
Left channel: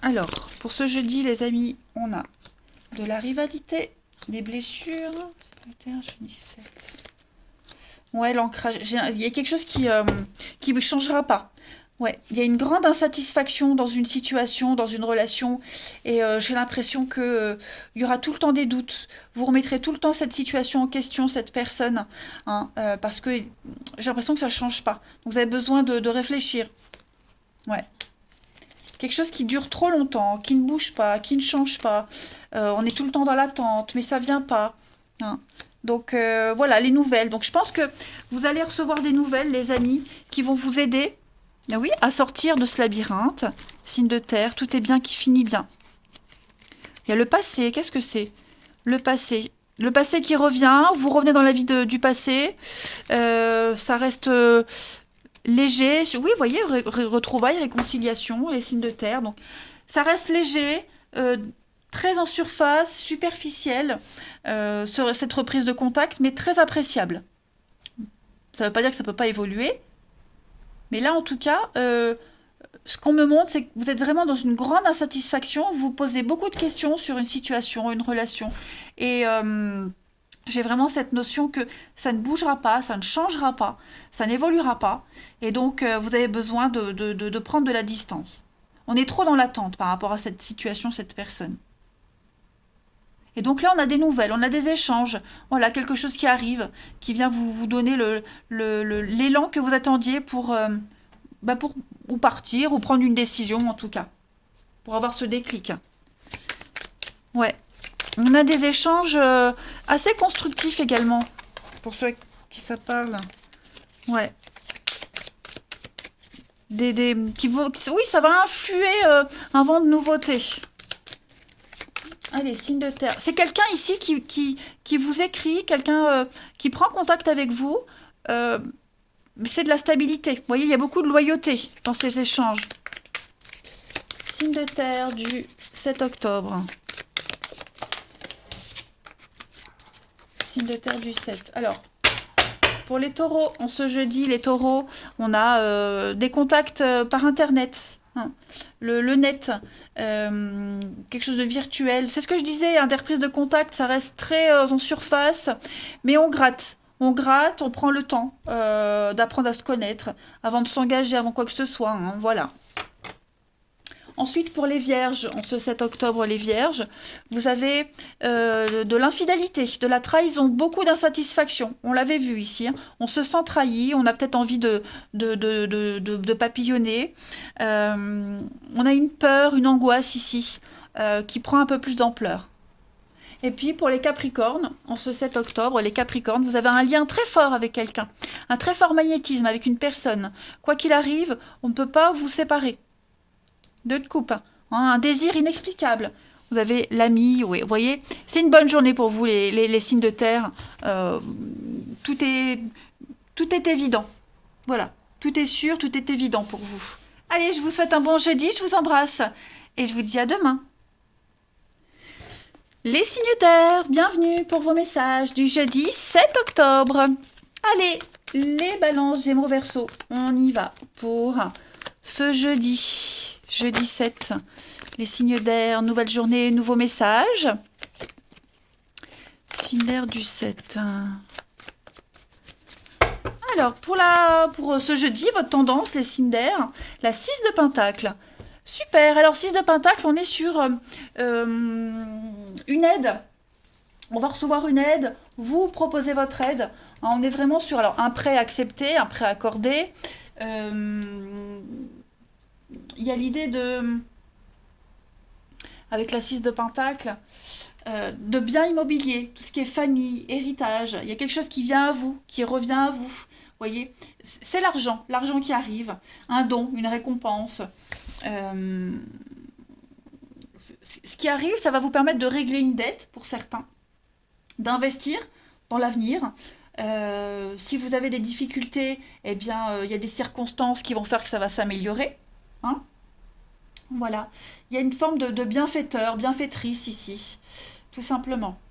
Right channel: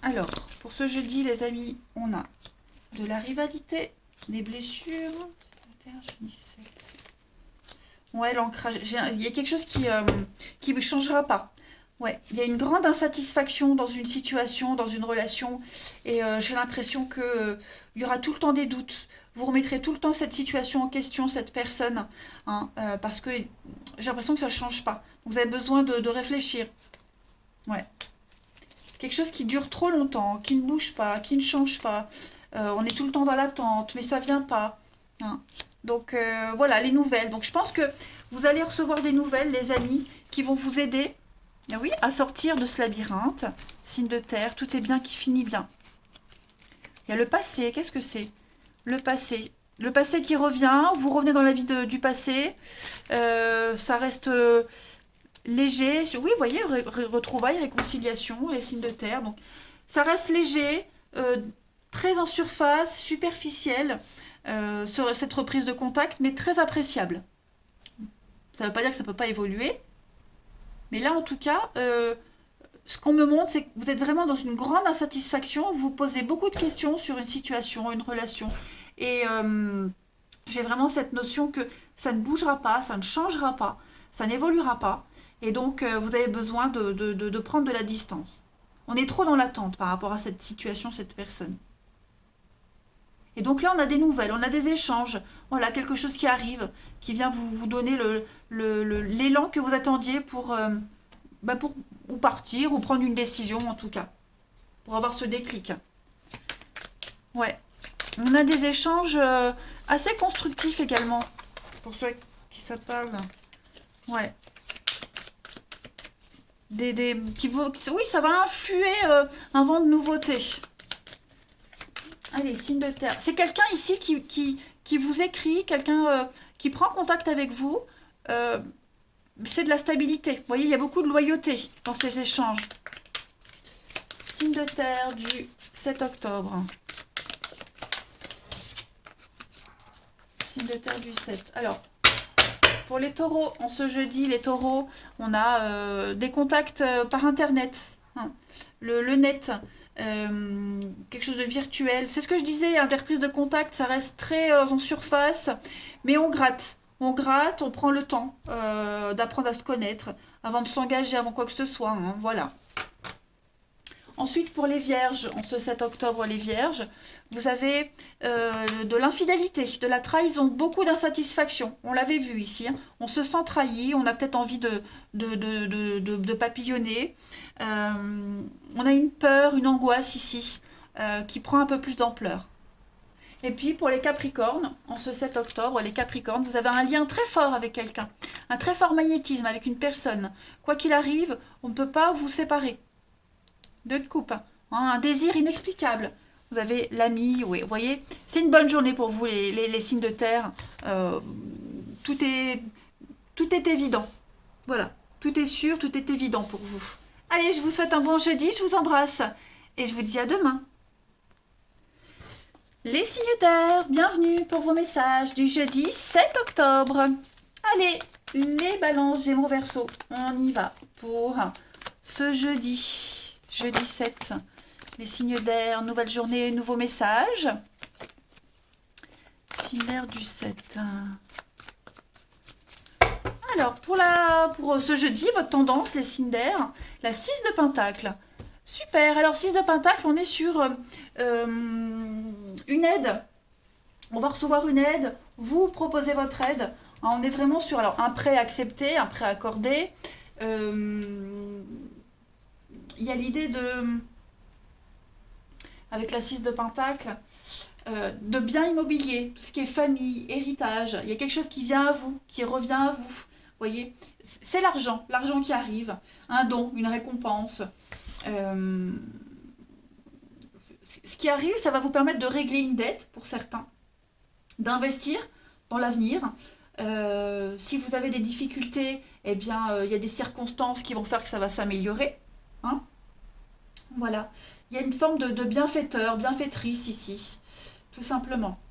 Alors, pour ce jeudi, les amis, on a de la rivalité, des blessures. Signe de terre, jeudi 7. Ouais, l'ancrage. Il y a quelque chose qui ne changera pas. Ouais, il y a une grande insatisfaction dans une situation, dans une relation, et j'ai l'impression que il y aura tout le temps des doutes. Vous remettrez tout le temps cette situation en question, cette personne, hein, parce que j'ai l'impression que ça ne change pas. Donc vous avez besoin de réfléchir. Ouais. Quelque chose qui dure trop longtemps, qui ne bouge pas, qui ne change pas. On est tout le temps dans l'attente, mais ça vient pas. Hein. Donc voilà, les nouvelles. Donc je pense que vous allez recevoir des nouvelles, les amis, qui vont vous aider. Ah oui, à sortir de ce labyrinthe, signe de terre, tout est bien qui finit bien. Il y a le passé, qu'est-ce que c'est? Le passé. Le passé qui revient, vous revenez dans la vie du passé, ça reste léger. Oui, vous voyez, retrouvailles, réconciliation, les signes de terre. Donc, ça reste léger, très en surface, superficiel, cette reprise de contact, mais très appréciable. Ça ne veut pas dire que ça ne peut pas évoluer. Mais là, en tout cas, ce qu'on me montre, c'est que vous êtes vraiment dans une grande insatisfaction. Vous posez beaucoup de questions sur une situation, une relation. Et j'ai vraiment cette notion que ça ne bougera pas, ça ne changera pas, ça n'évoluera pas. Et donc, vous avez besoin de prendre de la distance. On est trop dans l'attente par rapport à cette situation, cette personne. Et donc là, on a des nouvelles, on a des échanges. Voilà, quelque chose qui arrive, qui vient vous donner l'élan que vous attendiez pour ou partir, ou prendre une décision en tout cas. Pour avoir ce déclic. Ouais. On a des échanges assez constructifs également. Pour ceux qui ça parle. Ouais. Oui, ça va influer un vent de nouveauté. Allez, signe de terre. C'est quelqu'un ici qui vous écrit, quelqu'un qui prend contact avec vous. C'est de la stabilité. Vous voyez, il y a beaucoup de loyauté dans ces échanges. Signe de terre du 7 octobre. Signe de terre du 7. Alors, pour les taureaux, en ce jeudi, les taureaux, on a des contacts par Internet. Hein. Le net, quelque chose de virtuel. C'est ce que je disais, hein, des reprises de contact, ça reste très en surface, mais on gratte. On gratte, on prend le temps d'apprendre à se connaître avant de s'engager, avant quoi que ce soit. Hein, voilà. Ensuite, pour les vierges, en ce 7 octobre, les vierges, vous avez de l'infidélité, de la trahison, beaucoup d'insatisfaction. On l'avait vu ici. Hein. On se sent trahi, on a peut-être envie de papillonner. On a une peur, une angoisse ici qui prend un peu plus d'ampleur. Et puis pour les Capricornes, en ce 7 octobre, les Capricornes, vous avez un lien très fort avec quelqu'un, un très fort magnétisme avec une personne. Quoi qu'il arrive, on ne peut pas vous séparer. Deux de coupe, hein, un désir inexplicable. Vous avez l'ami, oui, vous voyez, c'est une bonne journée pour vous, les signes de terre. Tout est évident. Voilà, tout est sûr, tout est évident pour vous. Allez, je vous souhaite un bon jeudi, je vous embrasse et je vous dis à demain. Les signes terre, bienvenue pour vos messages du jeudi 7 octobre. Allez, les balances Gémeaux Verseau, on y va pour ce jeudi 7. Les signes d'air, nouvelle journée, nouveau message. Signe d'air du 7. Alors, pour ce jeudi, votre tendance, les signes d'air, la 6 de Pentacle. Super, alors 6 de Pentacle, on est sur une aide. On va recevoir une aide, vous proposez votre aide. On est vraiment sur un prêt accepté, un prêt accordé. Il y a l'idée avec la 6 de Pentacle, de biens immobiliers, tout ce qui est famille, héritage. Il y a quelque chose qui vient à vous, qui revient à vous. Vous voyez, c'est l'argent qui arrive, un don, une récompense. Ce qui arrive, ça va vous permettre de régler une dette pour certains, d'investir dans l'avenir. Si vous avez des difficultés, eh bien, il y a des circonstances qui vont faire que ça va s'améliorer. Hein, voilà. Il y a une forme de bienfaiteur, bienfaitrice ici, tout simplement.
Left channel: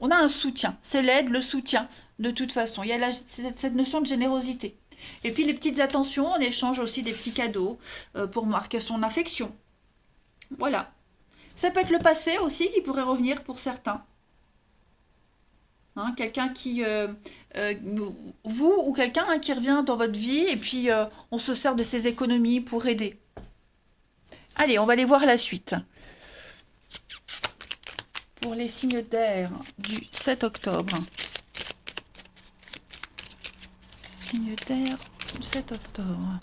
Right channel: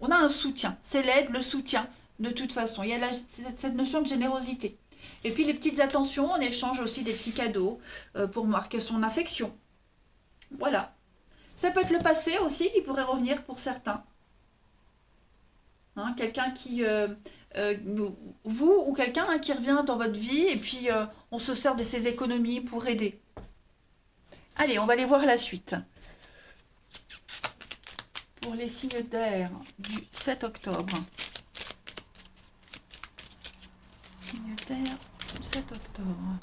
On a un soutien. C'est l'aide, le soutien, de toute façon. Il y a cette notion de générosité. Et puis les petites attentions, on échange aussi des petits cadeaux pour marquer son affection. Voilà. Ça peut être le passé aussi qui pourrait revenir pour certains. Hein, quelqu'un qui... vous ou quelqu'un qui revient dans votre vie et puis on se sert de ses économies pour aider. Allez, on va aller voir la suite. Pour les signes d'air du 7 octobre. Signe d'air du 7 octobre.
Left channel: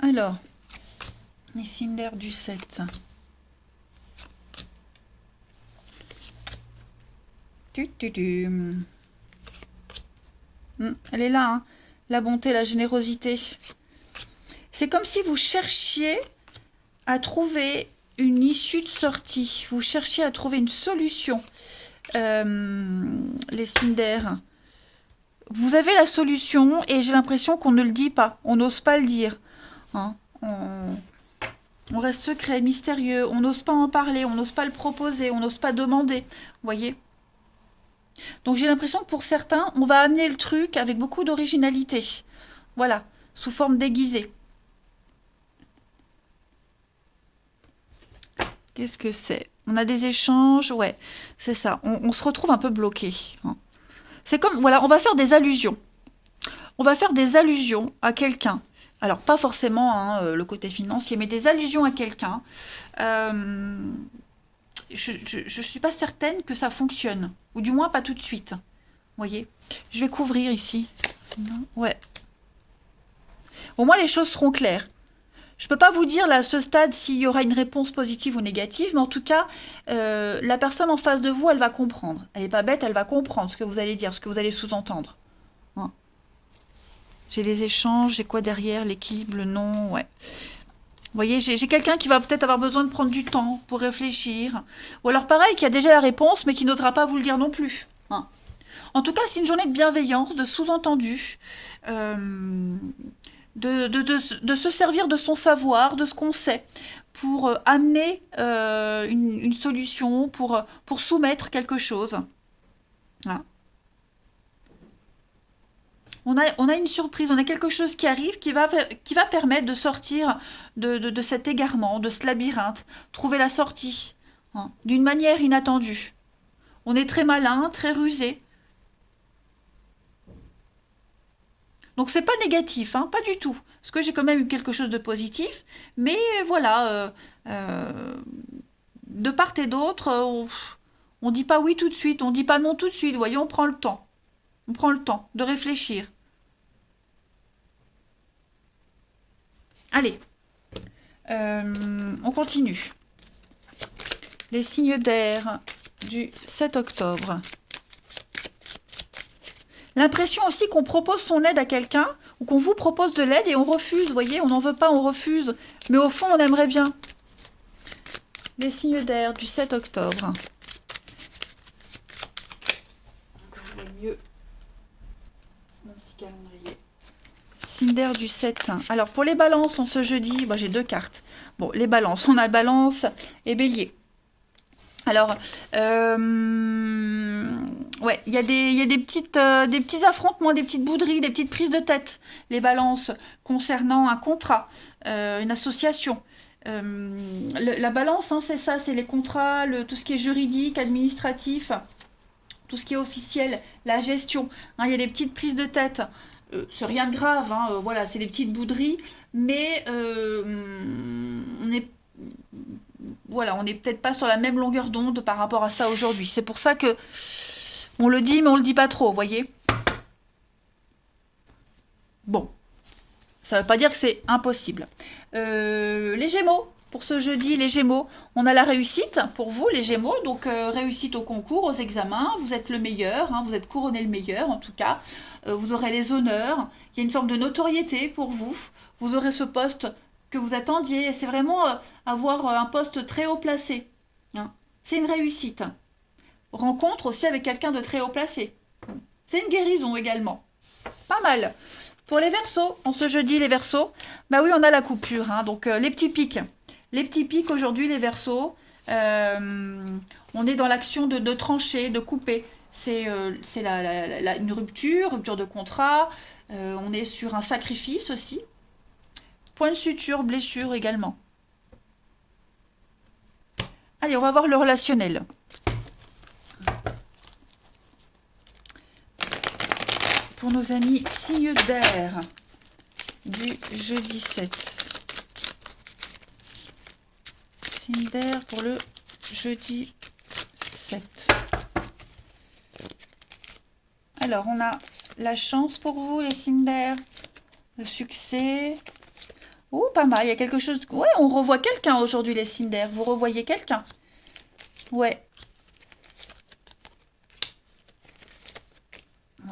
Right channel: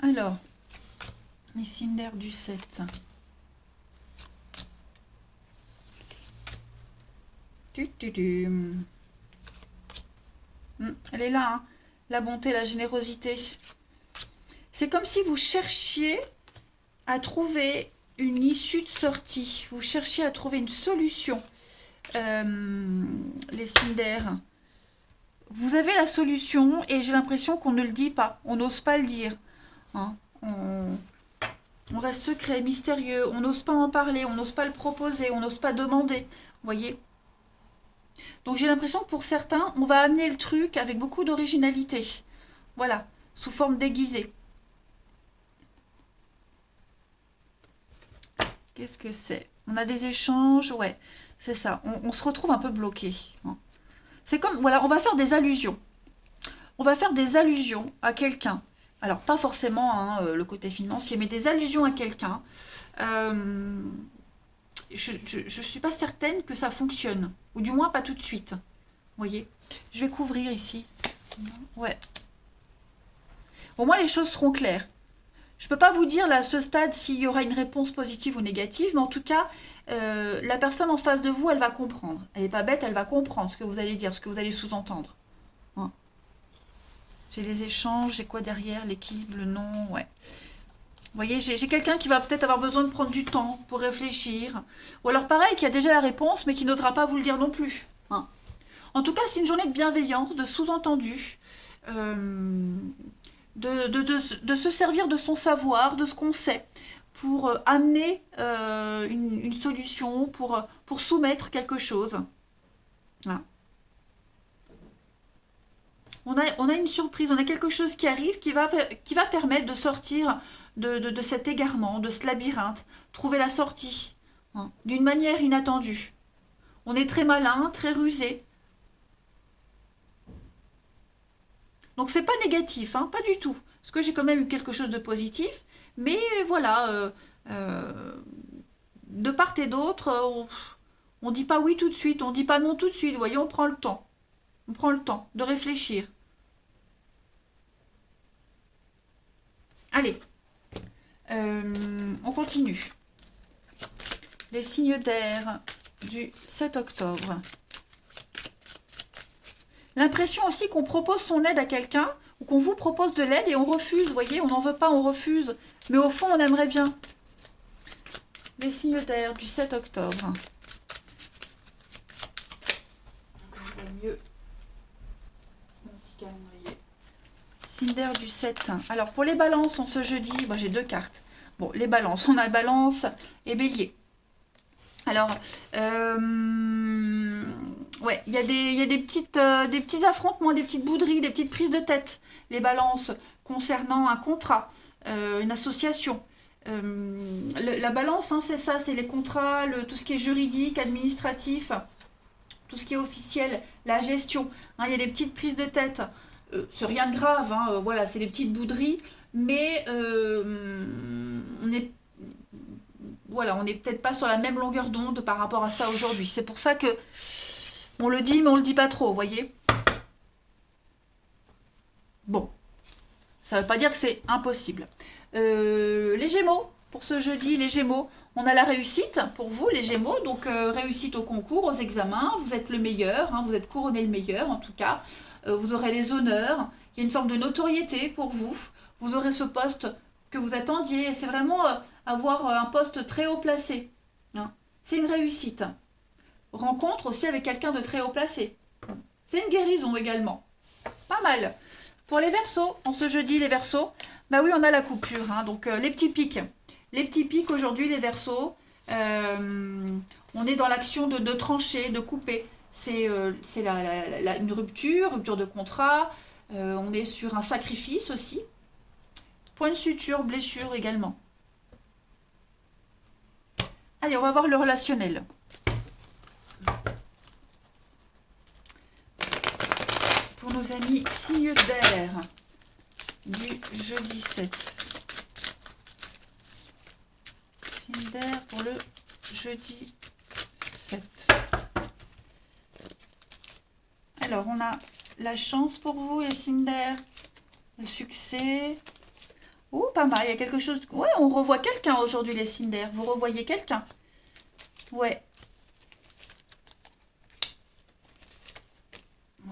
Alors, les signes d'air du 7. Elle est là, hein. La bonté, la générosité. C'est comme si vous cherchiez à trouver une issue de sortie. Vous cherchiez à trouver une solution. Les signes d'air. Vous avez la solution et j'ai l'impression qu'on ne le dit pas. On n'ose pas le dire. Hein. On reste secret, mystérieux. On n'ose pas en parler. On n'ose pas le proposer. On n'ose pas demander. Vous voyez ? Donc j'ai l'impression que pour certains, on va amener le truc avec beaucoup d'originalité. Voilà, sous forme déguisée. Qu'est-ce que c'est? On a des échanges, ouais, c'est ça. On se retrouve un peu bloqué. Hein. C'est comme, voilà, on va faire des allusions. On va faire des allusions à quelqu'un. Alors, pas forcément hein, le côté financier, mais des allusions à quelqu'un. Je ne suis pas certaine que ça fonctionne. Ou du moins, pas tout de suite. Vous voyez? Je vais couvrir ici. Ouais. Au moins, les choses seront claires. Je ne peux pas vous dire là, à ce stade s'il y aura une réponse positive ou négative, mais en tout cas, la personne en face de vous, elle va comprendre. Elle n'est pas bête, elle va comprendre ce que vous allez dire, ce que vous allez sous-entendre. Hein. J'ai les échanges, j'ai quoi derrière, l'équilibre, le non, ouais. Vous voyez, j'ai quelqu'un qui va peut-être avoir besoin de prendre du temps pour réfléchir. Ou alors pareil, qui a déjà la réponse, mais qui n'osera pas vous le dire non plus. Hein. En tout cas, c'est une journée de bienveillance, de sous-entendu. De se servir de son savoir, de ce qu'on sait, pour amener une solution, pour soumettre quelque chose. Voilà. On a une surprise, on a quelque chose qui arrive qui va permettre de sortir de cet égarement, de ce labyrinthe, trouver la sortie, hein, d'une manière inattendue. On est très malin, très rusé. Donc c'est pas négatif, hein, pas du tout. Parce que j'ai quand même eu quelque chose de positif. Mais voilà, de part et d'autre, on dit pas oui tout de suite, on dit pas non tout de suite. Vous voyez, on prend le temps. On prend le temps de réfléchir. Allez, on continue. Les signes d'air du 7 octobre. L'impression aussi qu'on propose son aide à quelqu'un ou qu'on vous propose de l'aide et on refuse, vous voyez, on n'en veut pas, on refuse. Mais au fond, on aimerait bien. Les signes d'air du 7 octobre. Je vais mieux mon petit calendrier. Signe d'air du 7. Alors, pour les balances, en ce jeudi, bah, j'ai deux cartes. Bon, les balances, on a balance et bélier. Alors, ouais, il y a des petits affrontements, des petites bouderies, des petites prises de tête. Les balances concernant un contrat, une association. La balance, hein, c'est ça, c'est les contrats, tout ce qui est juridique, administratif, tout ce qui est officiel, la gestion. Hein, il y a des petites prises de tête. C'est rien de grave, hein, voilà, c'est des petites bouderies, mais on est voilà, on n'est peut-être pas sur la même longueur d'onde par rapport à ça aujourd'hui. C'est pour ça que on le dit, mais on le dit pas trop, vous voyez. Bon, ça ne veut pas dire que c'est impossible. Les Gémeaux, pour ce jeudi, les Gémeaux, on a la réussite pour vous, les Gémeaux. Donc, réussite au concours, aux examens. Vous êtes le meilleur, hein, vous êtes couronné le meilleur, en tout cas. Vous aurez les honneurs. Il y a une forme de notoriété pour vous. Vous aurez ce poste que vous attendiez. C'est vraiment avoir un poste très haut placé. Hein. C'est une réussite. Rencontre aussi avec quelqu'un de très haut placé. C'est une guérison également. Pas mal. Pour les Verseaux, en ce jeudi, les Verseaux, bah oui, on a la coupure. Hein, donc, les petits pics. Les petits pics aujourd'hui, les Verseaux, on est dans l'action de trancher, de couper. C'est une rupture de contrat. On est sur un sacrifice aussi. Point de suture, blessure également. Allez, on va voir le relationnel. Pour nos amis signes d'air du jeudi 7. Signe d'air pour le jeudi 7. Alors, on a la chance pour vous, les signes d'air. Le succès. Ouh, pas mal, il y a quelque chose... Ouais, on revoit quelqu'un aujourd'hui, les signes d'air. Vous revoyez quelqu'un. Ouais.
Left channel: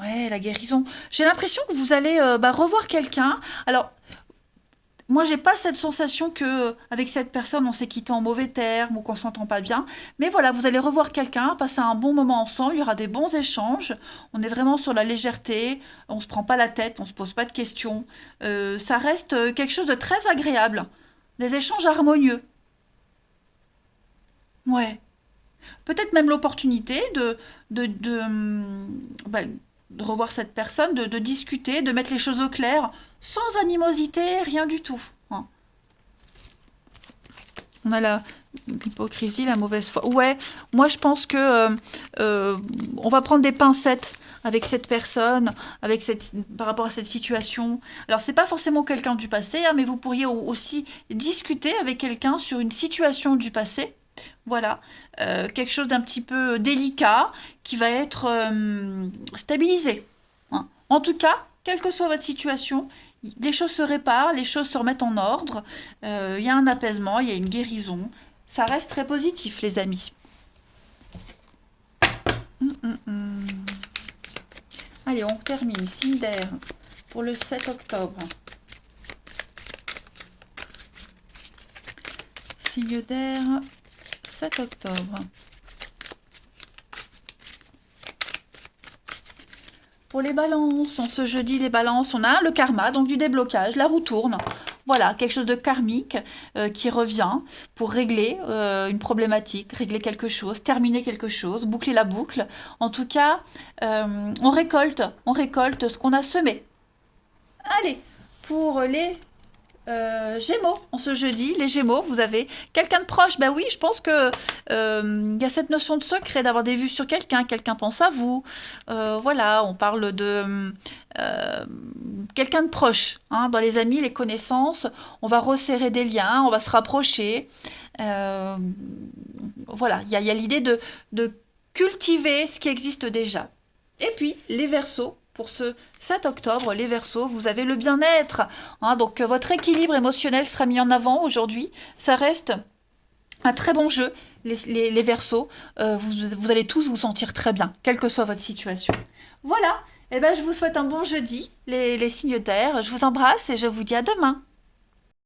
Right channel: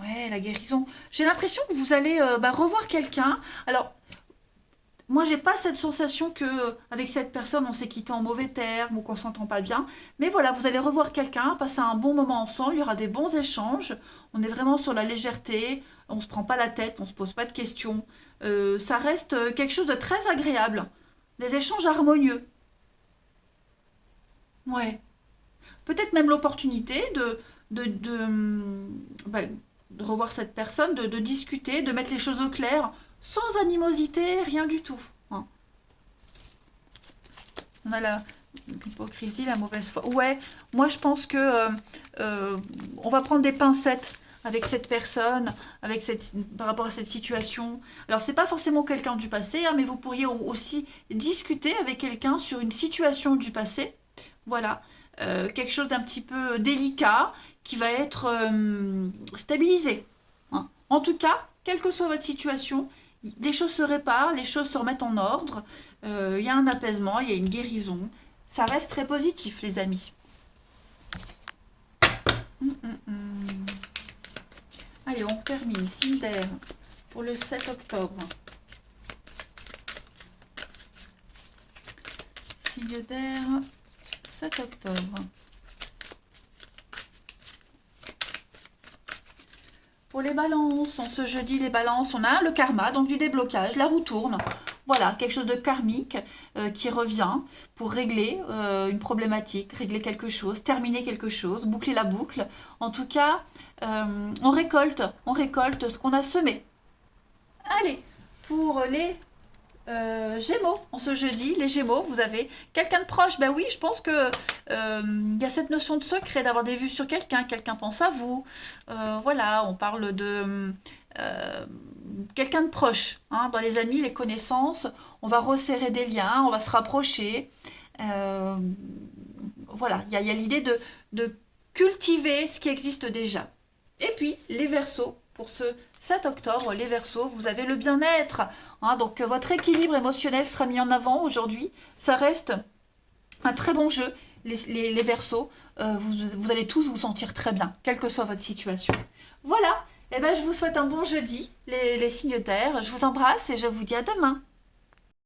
Ouais, la guérison. J'ai l'impression que vous allez revoir quelqu'un. Alors, moi, j'ai pas cette sensation que avec cette personne, on s'est quitté en mauvais termes ou qu'on s'entend pas bien. Mais voilà, vous allez revoir quelqu'un, passer un bon moment ensemble. Il y aura des bons échanges. On est vraiment sur la légèreté. On se prend pas la tête, on se pose pas de questions. Ça reste quelque chose de très agréable. Des échanges harmonieux. Ouais. Peut-être même l'opportunité de, de, hum, bah, de revoir cette personne, de discuter, de mettre les choses au clair, sans animosité, rien du tout. Hein. On a l'hypocrisie, la mauvaise foi. Ouais, moi je pense que on va prendre des pincettes avec cette personne, par rapport à cette situation. Alors c'est pas forcément quelqu'un du passé, hein, mais vous pourriez aussi discuter avec quelqu'un sur une situation du passé. Voilà, quelque chose d'un petit peu délicat qui va être stabilisé. Hein. En tout cas, quelle que soit votre situation, les choses se réparent, les choses se remettent en ordre, il y a un apaisement, il y a une guérison. Ça reste très positif, les amis. Allez, on termine. Signe d'air pour le 7 octobre. Signe d'air, 7 octobre. Pour les balances, ce jeudi, les balances, on a le karma, donc du déblocage, la roue tourne. Voilà, quelque chose de karmique qui revient pour régler une problématique, régler quelque chose, terminer quelque chose, boucler la boucle. En tout cas, on récolte ce qu'on a semé. Allez, pour les Gémeaux, en ce jeudi, les Gémeaux, vous avez quelqu'un de proche. Ben oui, je pense que il y a cette notion de secret, d'avoir des vues sur quelqu'un, quelqu'un pense à vous. Voilà, on parle de quelqu'un de proche. Hein, dans les amis, les connaissances, on va resserrer des liens, on va se rapprocher. Voilà, il y a l'idée de cultiver ce qui existe déjà. Et puis, les Verseaux. Pour ce 7 octobre, les Verseaux, vous avez le bien-être. Hein, donc, votre équilibre émotionnel sera mis en avant aujourd'hui. Ça reste un très bon jeu, les Verseaux. Vous allez tous vous sentir très bien, quelle que soit votre situation. Voilà. Eh ben, je vous souhaite un bon jeudi, les signes d'air. Je vous embrasse et je vous dis à demain.